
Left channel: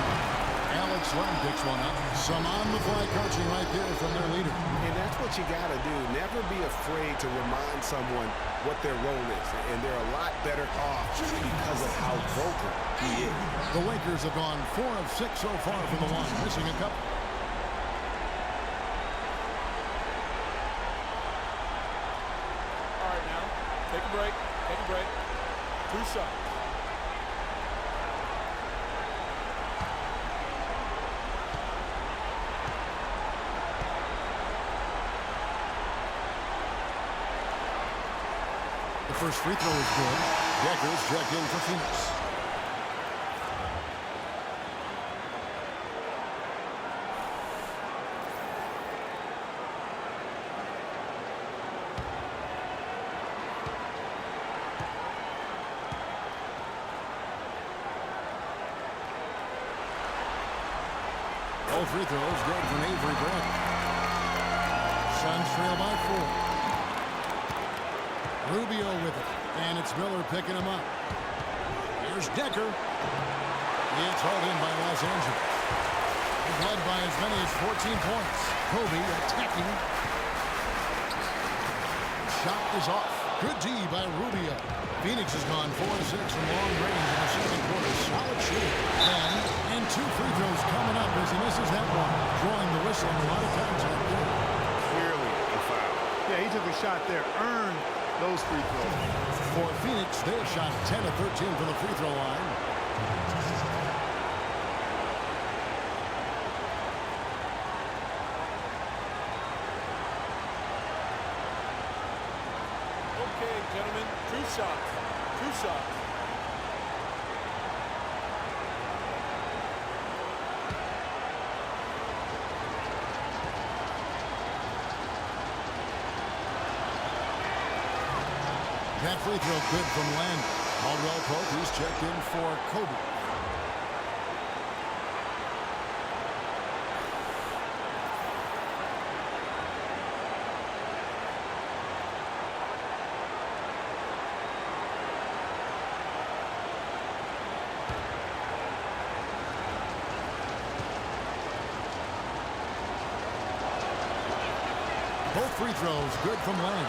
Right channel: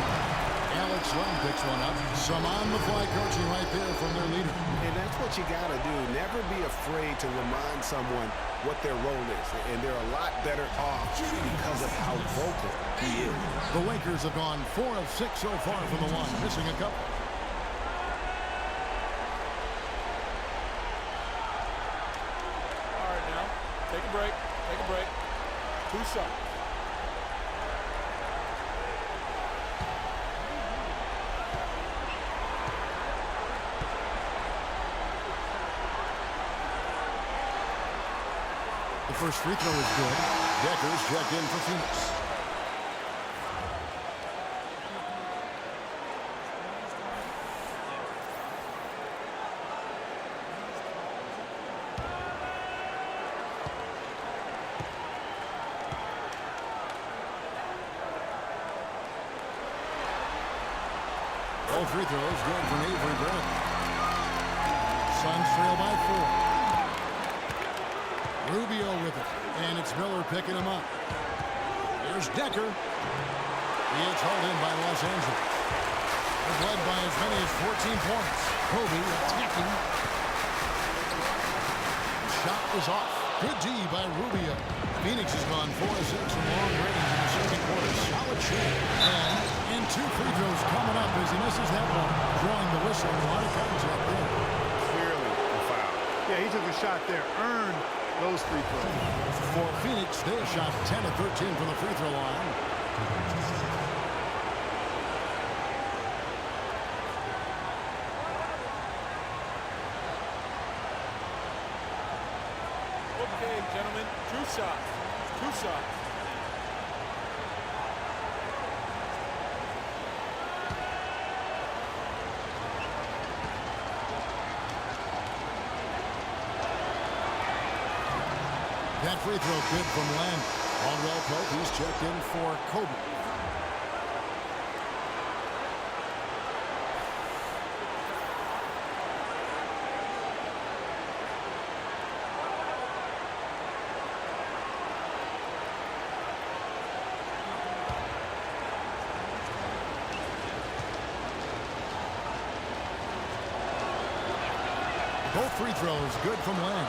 Alex Len picks one up. Some on-the-fly coaching right there from their leader. And that's what you got to do. Never be afraid to remind someone what their role is. And they're a lot better off because of how vocal he is. The Lakers have gone 4 of 6 so far from the line, missing a couple. All right, now, take a break. Take a break. 2 shots. The first free throw is good. Decker's checked in for Phoenix. All free throws good from Avery Bradley. Suns trail by 4. Rubio with it, and it's Miller picking him up. Here's Decker. It's hauled in by Los Angeles. They've led by as many as 14 points. Kobe attacking. Shot is off. Good D by Rubio. Phoenix has gone 4 of 6 from long range in the second quarter. Solid shooting. And 2 free throws coming up as he misses that one. Drawing the whistle and a lot of contact there. Clearly a foul. Yeah, he took a shot there. Earned those free throws. For Phoenix, they have shot 10 of 13 from the free throw line. Okay, gentlemen, 2 shots. 2 shots. That free throw good from Len. Caldwell Pope, he's checked in for Kobe. Both free throws good from Len.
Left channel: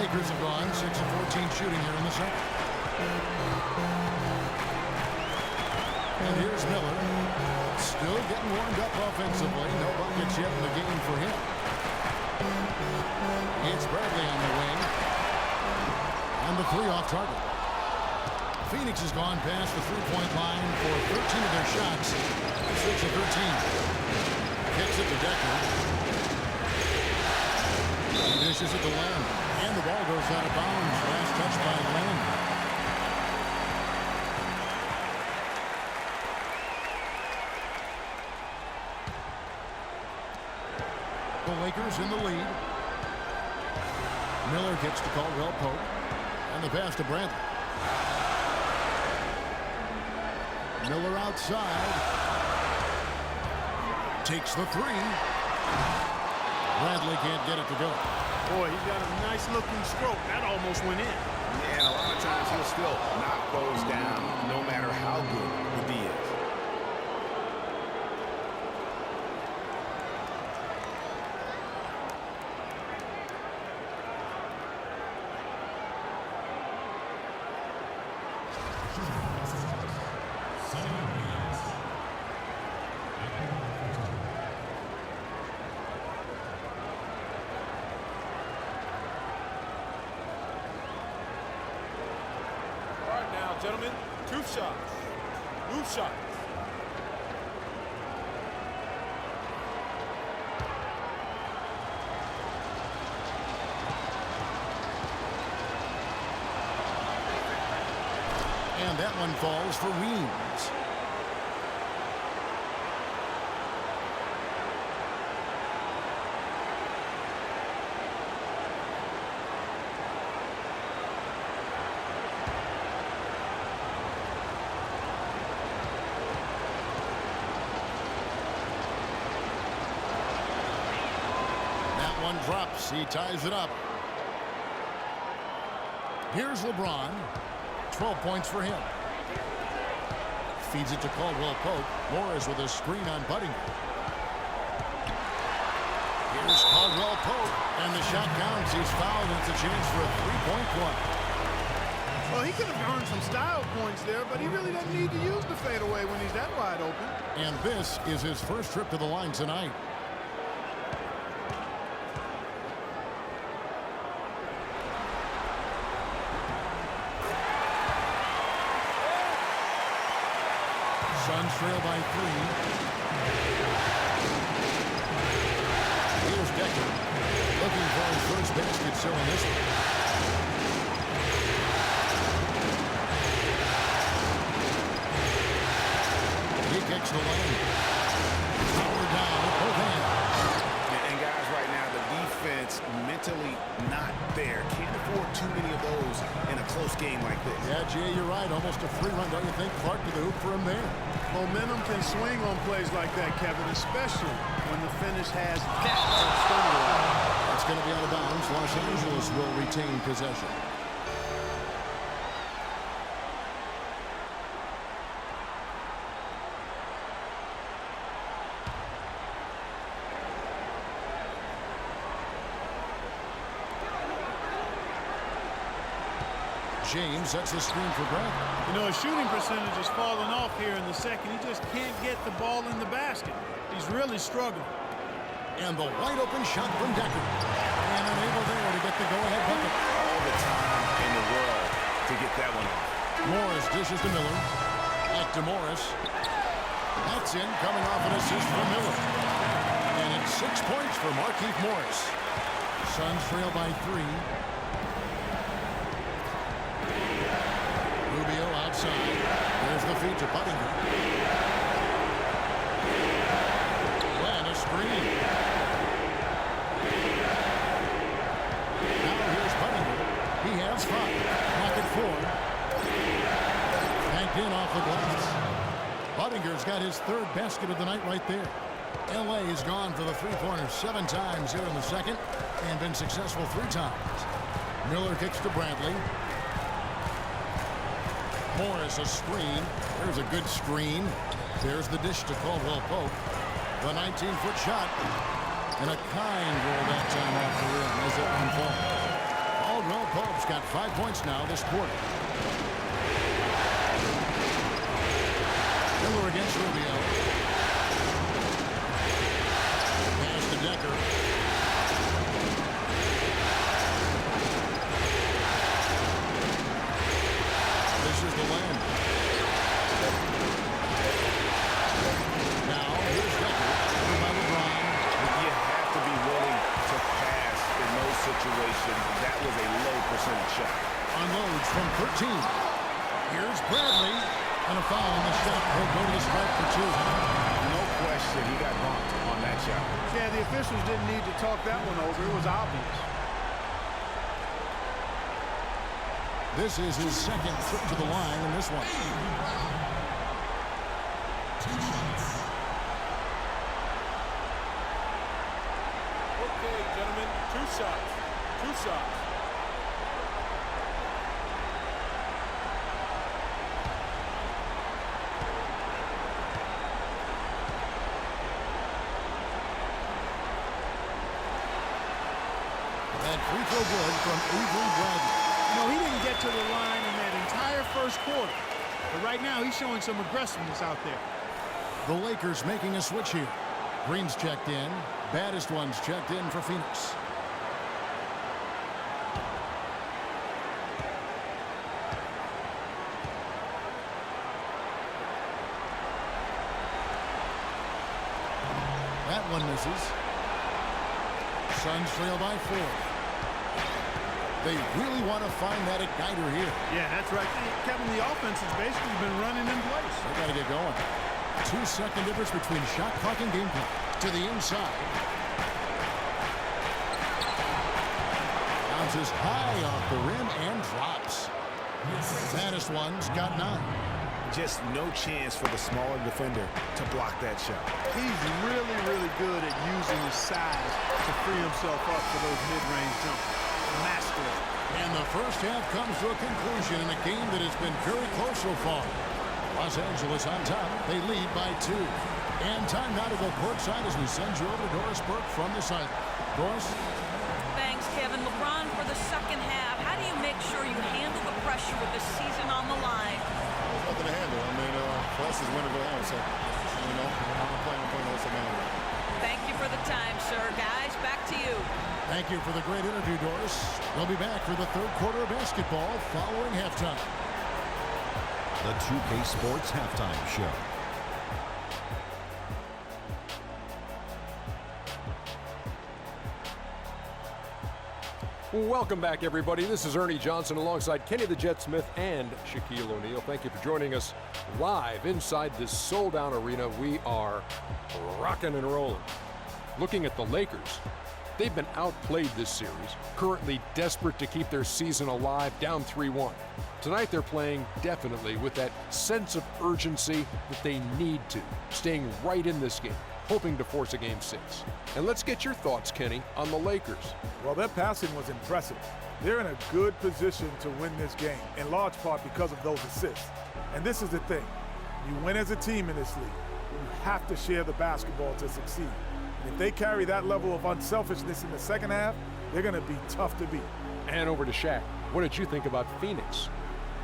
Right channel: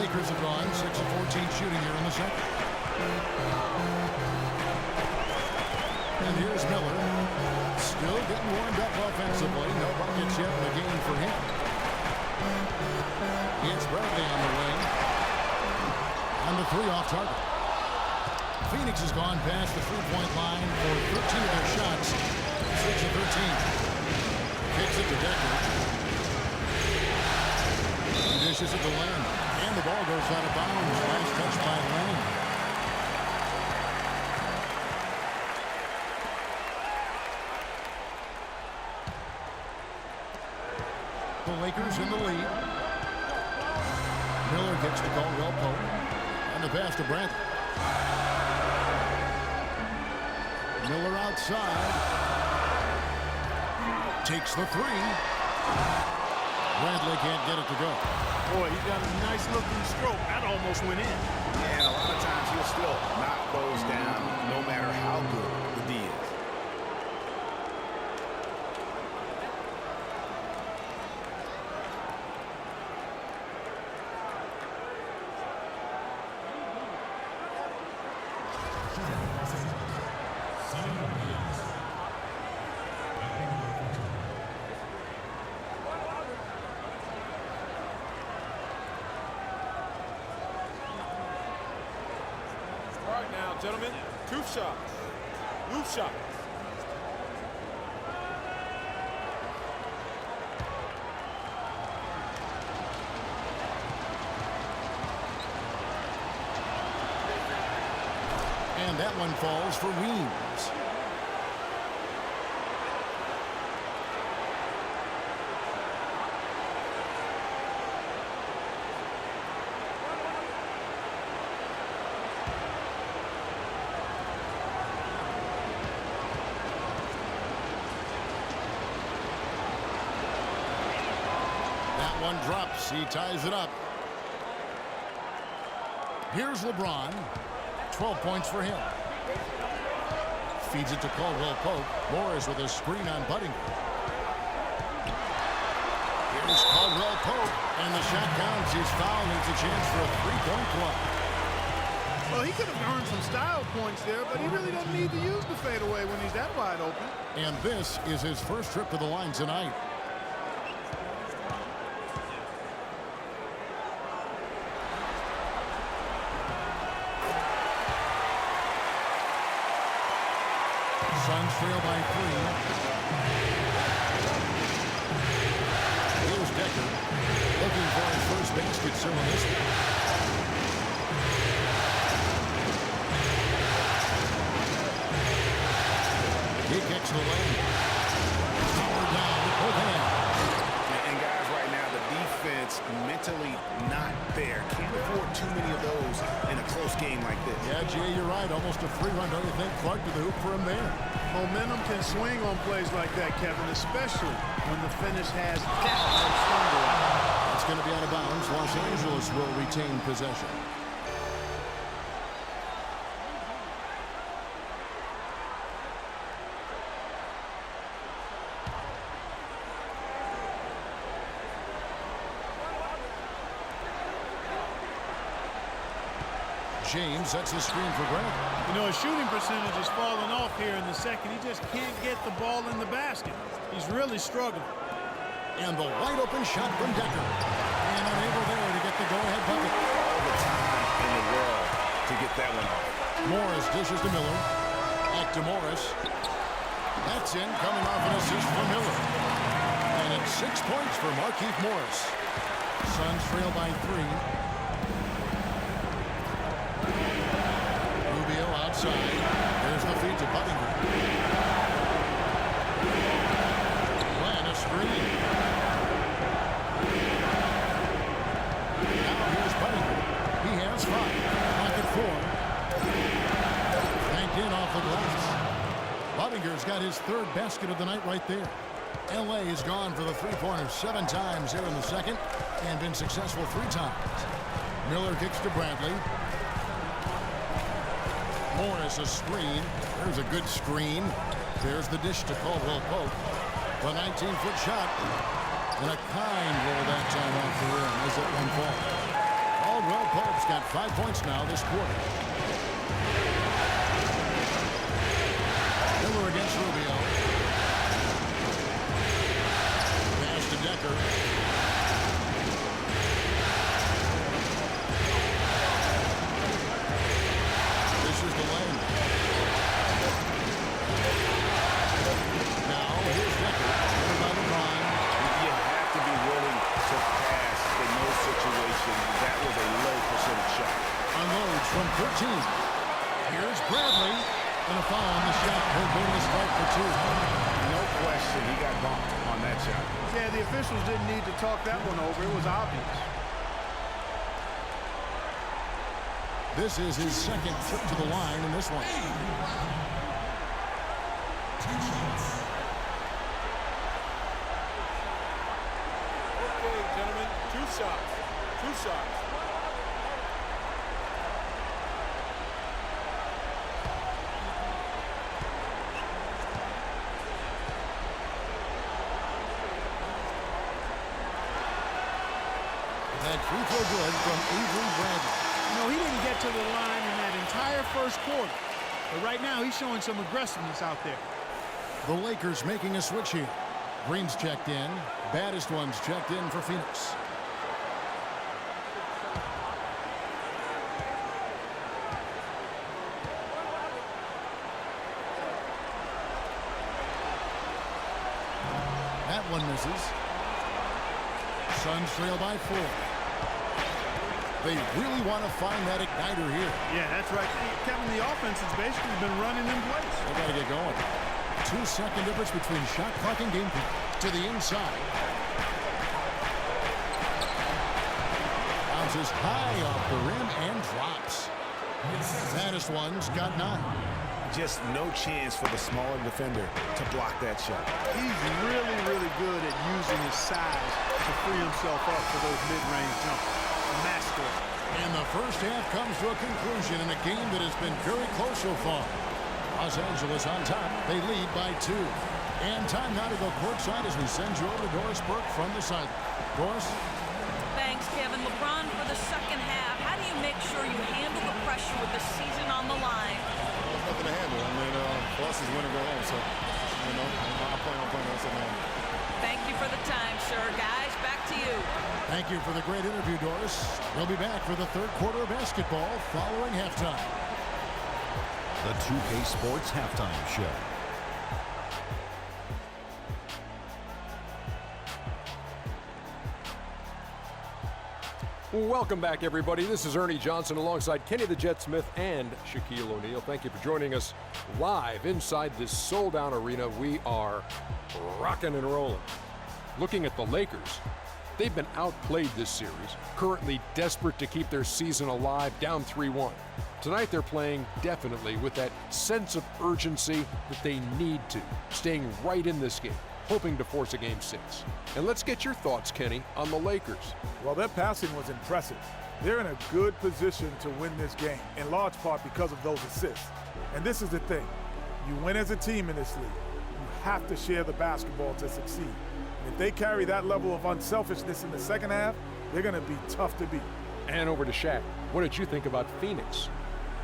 Lakers have gone 6 of 14 shooting here in the second. And here's Miller. Still getting warmed up offensively. No buckets yet in the game for him. It's Bradley on the wing. And the three off target. Phoenix has gone past the three-point line for 13 of their shots. 6 of 13. Kicks it to Decker. He dishes it to Len. And the ball goes out of bounds. Last touch by Len. The Lakers in the lead. Miller gets to Caldwell Pope. And the pass to Bradley. Miller outside. Takes the three. Bradley can't get it to go. Boy, he's got a nice looking stroke. That almost went in. Yeah, and a lot of times he'll still knock those down no matter how good the D is. Now, gentlemen, 2 shots. Loose shots. And that one falls for Weems. That one drops. He ties it up. Here's LeBron. 12 points for him. Feeds it to Caldwell Pope. Morris with a screen on Budinger. Here's Caldwell Pope. And the shot counts. He's fouled, and it's a chance for a three-point play. Well, he could have earned some style points there, but he really doesn't need to use the fadeaway when he's that wide open. And this is his first trip to the line tonight. Suns trail by 3. Here's Decker looking for his first basket still in this one. He kicks the lane. Power down with both hands. And guys, right now, the defense mentally not there. Can't afford too many of those in a close game like this. Yeah, Jay, you're right. Almost a free run, don't you think? Clark to the hoop for him there. Momentum can swing on plays like that, Kevin, especially when the finish has that much thunder on it. That's going to be out of bounds. Los Angeles will retain possession. James sets the screen for Bradley. You know, his shooting percentage has fallen off here in the second. He just can't get the ball in the basket. He's really struggling. And the wide open shot from Decker. And unable there to get the go-ahead bucket. All the time in the world to get that one off. Morris dishes to Miller. Back to Morris. That's in, coming off an assist from Miller. And it's 6 points for Markieff Morris. Suns trail by 3. Rubio outside. There's the feed to Budinger. Glenn, a screen. Now here's Budinger. Banked in off the glass. Buddinger's got his third basket of the night right there. L.A. has gone for the three-pointer 7 times here in the second and been successful 3 times. Miller kicks to Bradley. Morris a screen. There's a good screen. There's the dish to Caldwell Pope. The 19-foot shot. And a kind roll that time off the rim as that one falls. Caldwell Pope's got 5 points now this quarter. Miller against Rubio. Pass to Decker. This is the lane. Now here's Decker. Over by LeBron. You have to be willing to pass in those situations. That was a low percentage shot. Unloads from 13. Here's Bradley. And a foul on the shot. He'll go to the stripe for 2. No question, he got bumped on that shot. Yeah, the officials didn't need to talk that one over. It was obvious. This is his second trip to the line in this one. 2 shots. Okay, gentlemen, 2 shots. 2 shots. That free throw good from Avery Bradley. You know, he didn't get to the line in that entire first quarter. But right now, he's showing some aggressiveness out there. The Lakers making a switch here. Green's checked in. Baddest one's checked in for Phoenix. That one misses. Suns trail by 4. They really want to find that igniter here. Yeah, that's right. Kevin, the offense has basically been running in place. They got to get going. 2-second difference between shot clock and game clock. To the inside. Bounces high off the rim and drops. Baddest one's got 9. Just no chance for the smaller defender to block that shot. He's really, really good at using his size to free himself up for those mid-range jumpers. A master at it. And the first half comes to a conclusion in a game that has been very close so far. Los Angeles on top. They lead by 2. And time now to go courtside as we send you over to Doris Burke from the sideline. Doris? Thanks, Kevin. LeBron, for the second half, how do you make sure you handle the pressure with the season on the line? Well, there's nothing to handle. I mean, for us, it's win or go home. So, you know, I'm playing on the second half. Thank you for the time, sir. Guys, back to you. Thank you for the great interview, Doris. We'll be back for the third quarter of basketball following halftime. The 2K Sports Halftime Show. Welcome back, everybody. This is Ernie Johnson alongside Kenny the Jet Smith and Shaquille O'Neal. Thank you for joining us live inside this sold-out arena. We are rocking and rolling. Looking at the Lakers, they've been outplayed this series, currently desperate to keep their season alive, down 3-1. Tonight they're playing definitely with that sense of urgency that they need to, staying right in this game, hoping to force a Game 6. And let's get your thoughts, Kenny, on the Lakers. Well, their passing was impressive. They're in a good position to win this game, in large part because of those assists. And this is the thing. You win as a team in this league. You have to share the basketball to succeed. And if they carry that level of unselfishness in the second half, they're going to be tough to beat. And over to Shaq. What did you think about Phoenix?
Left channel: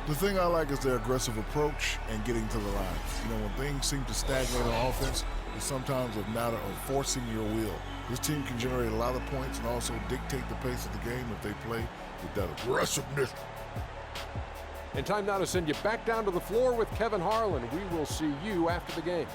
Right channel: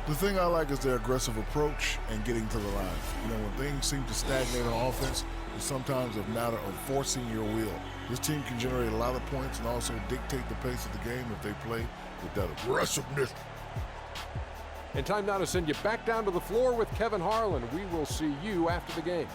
The thing I like is their aggressive approach and getting to the line. You know, when things seem to stagnate on offense, it's sometimes a matter of forcing your will. This team can generate a lot of points and also dictate the pace of the game if they play with that aggressiveness. And time now to send you back down to the floor with Kevin Harlan. We will see you after the game.